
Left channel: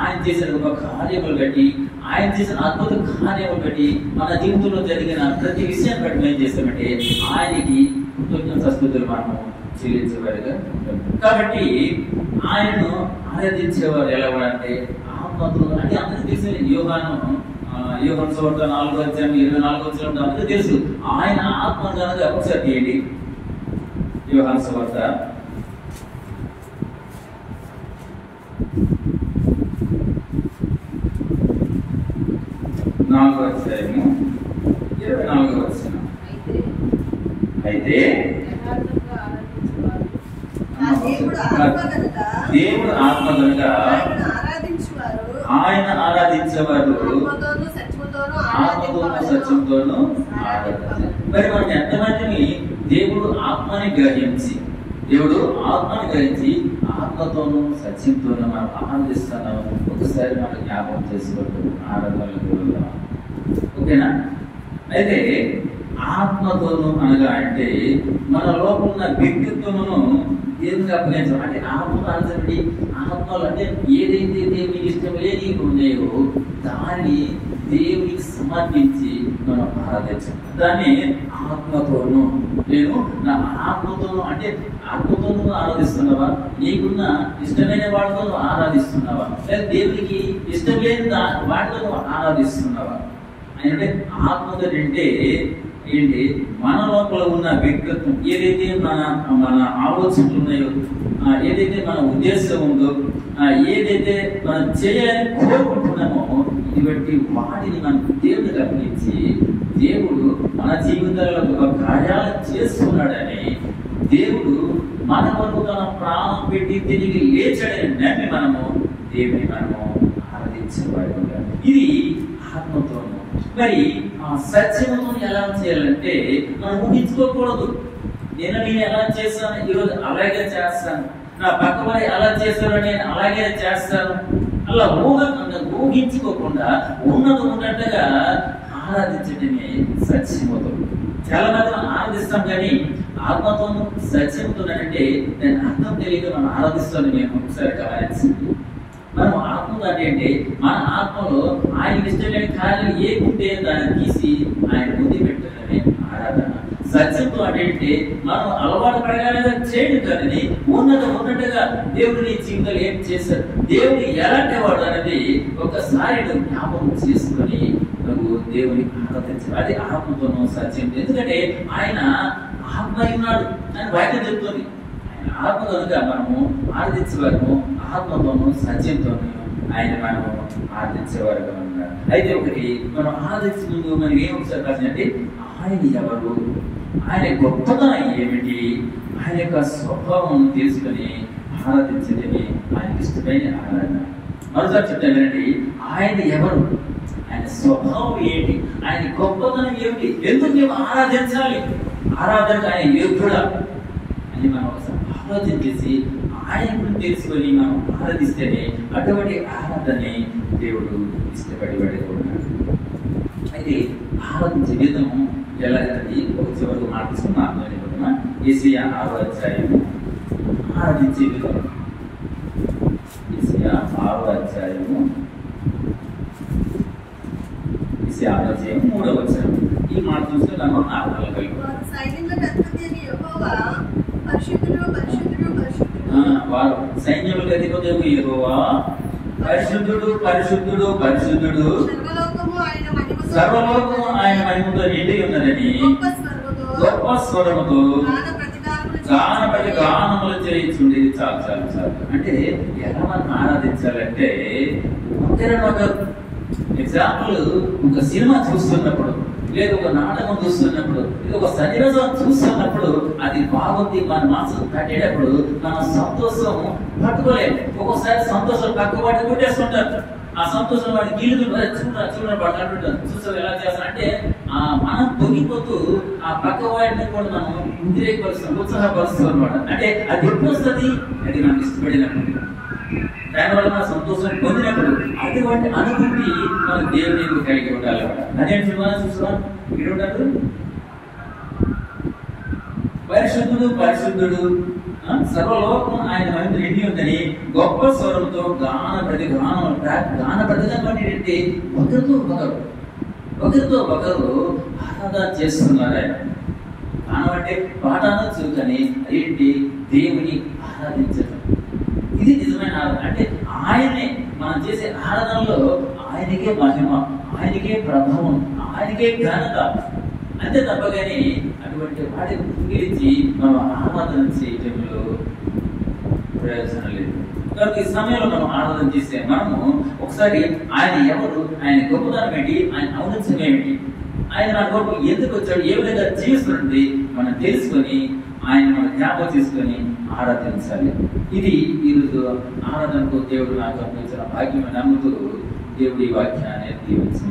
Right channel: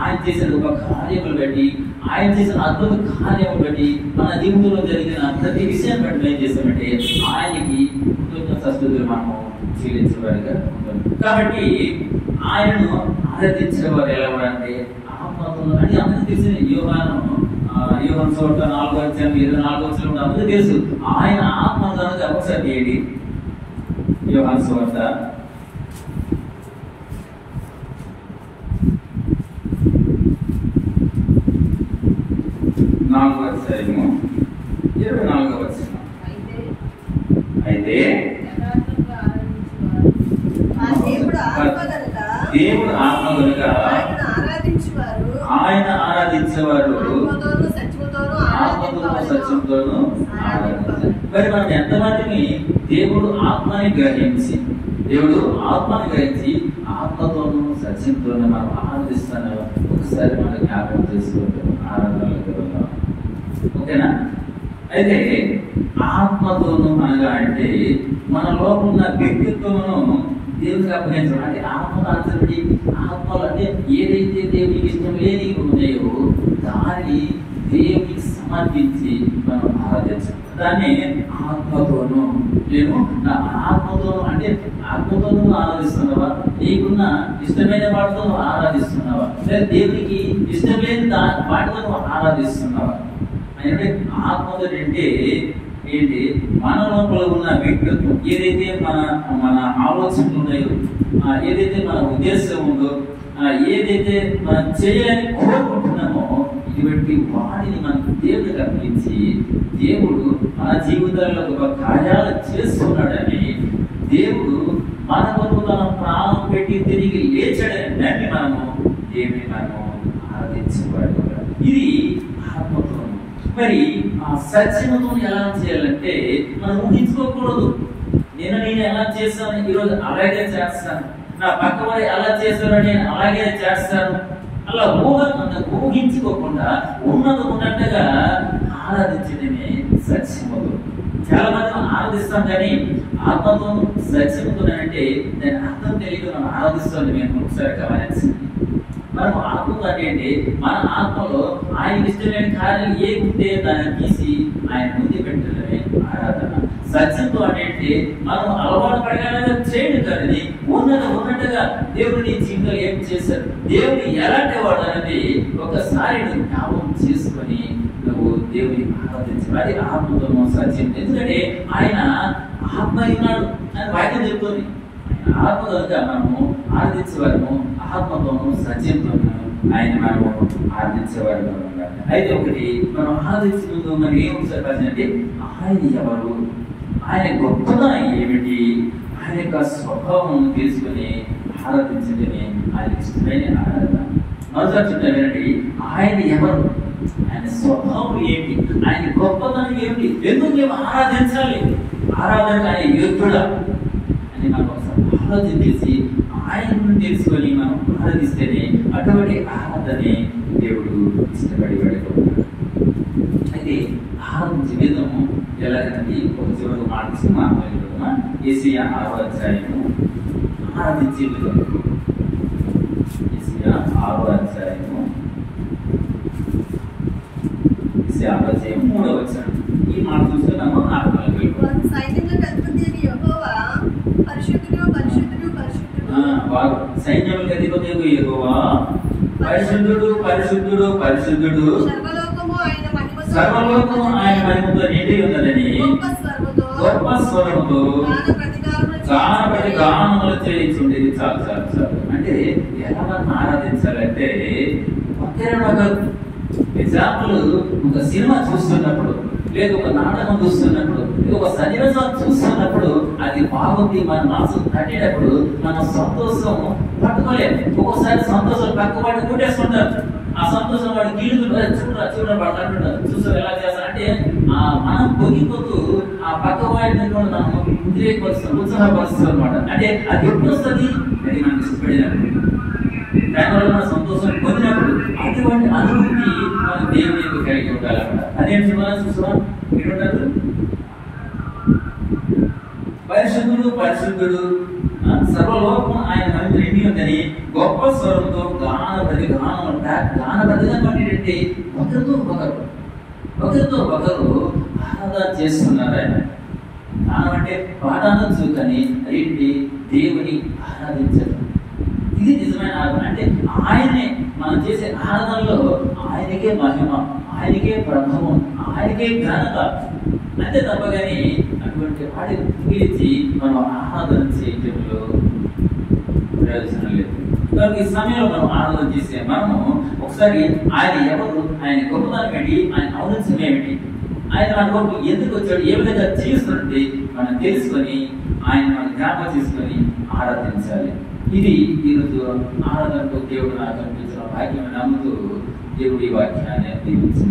ఆయన చేసిన ఒక కార్యములు బట్టి, ఆయన చేసిన అద్భుత కార్యములు బట్టి, మన జీవితంలో జరిగిన ప్రతి విషయాన్ని బట్టి ఏం చేస్తామంటే ఆయనకి కృతజ్ఞతాస్తుతులు మనము చెల్లించేవారుగా ఉంటాం. కాబట్టి ఆయనను ఆరాధించేవారు ఎలా అంటే ఆత్మతో. అంటే అందరికీ తెలిసిన యోహాను సువార్త 4:24 అందరికీ తెలుసు. ఆయన ఆత్మ కనుక ఒకసారి చేయండి. యోహాను సువార్త 4:24. అయితే దేవుడు ఆత్మ కనుక ఆయన ఆరాధించేవారు ఆత్మతోనూ సత్యంతోనూ ఆరాధించారు. మరి మనం ఎంతమందిని దేవుడు ఆత్మని గ్రహించి ఆత్మతోనూ సత్యంతోనూ మనం ఆరాధిస్తున్నాము. ఒకసారి మనం జ్ఞాపకం చేసుకుంటాం. ఆరాధనలోకి వెళ్దాం. ఓకేనా? అయితే ఆత్మతోనూ అనగా అంటే మన లోపల ఉన్న వ్యక్తిత్వమును దేవునికి అప్పగించడం. అంటే ఆత్మను ఆచరణి ఆత్మలు అంటే ఏదైతే దేవునికి ఇష్టం లేని ఉన్నాయో దాన్ని దేవునికి సమర్పించి మనం ఆరాధించాం. దాన్ని ఆత్మతోనూ నేను నా ఆత్మతోనూ అంటే ఆత్మతోనూ ఆరాధిస్తున్నావా? నీకున్న ఇష్టమైన వాటితో ఆరాధిస్తున్నావా? లేదా దేవునికి ఇష్టం లేని వాటితో ఆరాధిస్తున్నావా? అంటే ఆత్మతో అంటే ఏంటి? మన లోపల ఉన్న వ్యక్తిత్వం ఏదైతే మన ఆలోచనలు ఉన్నాయో, ఏదైతే మన ఉద్దేశం ఉందో, ఏదైతే మనం చేయాలని కోరుకుంటున్నామో ఇటువంటి వాటిని మనం దేవుడికి అర్పించి దేవుడు మన జీవితాల్లో ఒక కార్యాలు చేస్తున్నాడని, దేవుడు మన వరకు తన ప్రాణం పెట్టి తిరిగి లేచాడని నమ్మి మనము దేవుని మనము ఆరాధించేవాడు. ఇది ఆత్మతో. మరి ఆ సత్యమును ఎలా చేయాలంటే మనం ఊహించుకోకూడదు. నేను ఎలా చేస్తాను, ఈరోజు అలాగే చేస్తాను, నా పక్క వారి అలా చేస్తాను, నేను అలాగే చేస్తాను, అలా ఊహించుకోకుండా ఉన్నట్టుగా ఆరాధించడమే సత్యముతో. చాలా మంది మనం ఆరాధిస్తాం, కానీ ఆత్మతో సత్యముతో అంటే దాని అర్థం తెలియక మనం ఆరాధిస్తాను. మేము ఒకసారి గమనించండి. మనం ఆత్మతో అంటే మన ఆత్మలో ఆయనకి ఇష్టమైన కార్యాలు ఏ ఉంటే దాన్ని తీసి ఆయన ముందు పెట్టడమే ఆరాధన. సత్యంతో అంటే మనం అలవాటు ప్రకారంగా చేయడం కానీ ఉన్నట్టుగా దేవుడిని జీవితంలో ఏం చేశారు, దేవుడు ఎలాంటి వాడు అనేది ఒకసారి నువ్వు జ్ఞాపకం చేసుకొని నువ్వు దేవుని ఆరాధించాలి. అది ఆత్మతోనూ సత్యం. ఎందుకంటే ఆయన ఆత్మ ఉన్నాడు అని వాక్యం చెప్తుంది. ఆయన ఆత్మ కనుక మనము ఆరాధించేవారు ఆత్మతోనూ సత్యంతోనూ ఆయన మనము ఆరాధించేవారుగా ఉన్నారు. అయితే ఒకటి మనం ఆరాధించే ముందు మనకి ఏం ఒకసారి అంటే ఆయన ఎవరు, ఆయన గొప్పతనం ఏమిటి, ఆయన యొక్క స్వభావం తీసుకుని ఆరాధించడమే ఆయనకి ఇష్టమైన ఆరాధన. మరోసారి చెప్తానండి, ఆయన ఎవరు, ఆయన స్వభావం ఏంటి, ఆయన గొప్పతనం ఏమిటి, ఎందుకు మేము ఆరాధించాలి, ఆరాధనకు ఆయన యోగ్యుడా అని మనం ఒకసారి ఆలోచన చేసి ఆయనను తెలుసుకొని మనం ఆరాధిస్తేనే అటువంటి ఆరాధనే దేవుడు ఇష్టపడి పడుతున్నాడు. అయితే ఆరాధించే విధం ఎలాగంటే ఒక చివరికి మార్క్స్ మాట్లాడుకుంటున్నా. యేసయ్య 6వ అధ్యాయము ఆరాధించే విధం. యేసయ్య 6వ అధ్యాయము 3వ వచనం. ఈ మాట చూస్తే మనం వారు సైన్యములకు అధిపతి యెహోవా పరిశుద్ధుడు పరిశుద్ధుడు పరిశుద్ధుడు, సర్వలోకము ఆయన మహిమతో నిండి ఉన్నదని గొప్ప స్వరముతో గానములు చేయించుండేది. చాలు చాలు చాలు. అంటే ఎలా మనం ఆరాధించాలంటే ఒకరు ఎగ్జాంపుల్ ఒక సినిమా చూస్తున్నప్పుడు, లేదు ఒక నాటకం చూస్తున్నప్పుడు, ఒక సన్నివేశం చూస్తున్నప్పుడు అది బాగుంది, మన మనసు తట్టేటప్పుడు మన సంతోషం పట్టుకోలేదు. ఒక్కోసారి సంతోషం పక్కవాడు కొట్టేస్తుంటారు. ఆ సంతోషం వాడు గీళ్ళు చూడండి వాడు అంటుంటారు, చూసారు ఎలా చేస్తారు అంటే మనం పొంగిపోతూ ఆ పక్కవాడిని కూడా మనం ఉద్రేకపరుస్తాం, ఉత్సాహపరుస్తాం అనమాట. అంటే అది ఎప్పుడు వస్తుంది, అది మనకి ఇష్టపడినప్పుడు, దానివల్ల మన సంతోషం పొందినప్పుడు అటువంటి అనుభూతి మన దేవునికి కలిగి ఉండాలి అక్కడ. అదేంటి మనం చూసాం ఇక్కడ ఉంటారు, పరిశుద్ధుడు పరిశుద్ధుడు సర్వలోకం ఆయన మహిమ నిండి ఉందని గొప్ప స్వరంతో గానప్రతిగా పడినట్టే ఒకరితో ఒకరు ఆరాధన చేస్తున్నారు. ఆయన గానం అంటే పాట అనొచ్చు, కానీ ఏంటి దేవుని ఆరాధించడం. ఇది నిజమైన ఆరాధన. అంటే ఆయనే మనం చేసే ఆరాధనలో ఆయనకే మహిమ, ఆయనకే ప్రభావం, ఆయనకే ఘనత, అంతే తప్ప కానీ అటువంటి వాటిని పిలిచి మనం ఆరాధన చేయటంలో ప్రయోజనం లేదు. కాబట్టి ఈ సమయంలో మనం ఆరాధన చేసే మనము ఒకసారి ఆయన ఎవరు, ఆయన గొప్పతనం ఏంటి, ఆయన ఔన్నత్యం ఏమిటి, ఆయన మన కొరకు ఎందుకు వచ్చాడు, ఏ విధంగా జీవిస్తుంది మనం తెలుసుకొని ఆయన మనం జ్ఞాపకం చేసుకొని ఆరాధించాలి. ఇది ఈరోజు ఆరాధనకు దేవుడు నాకు అనిపించిన భాగ్యం నమ్ముతూ దేవుడి వాక్యాన్ని దీవించిన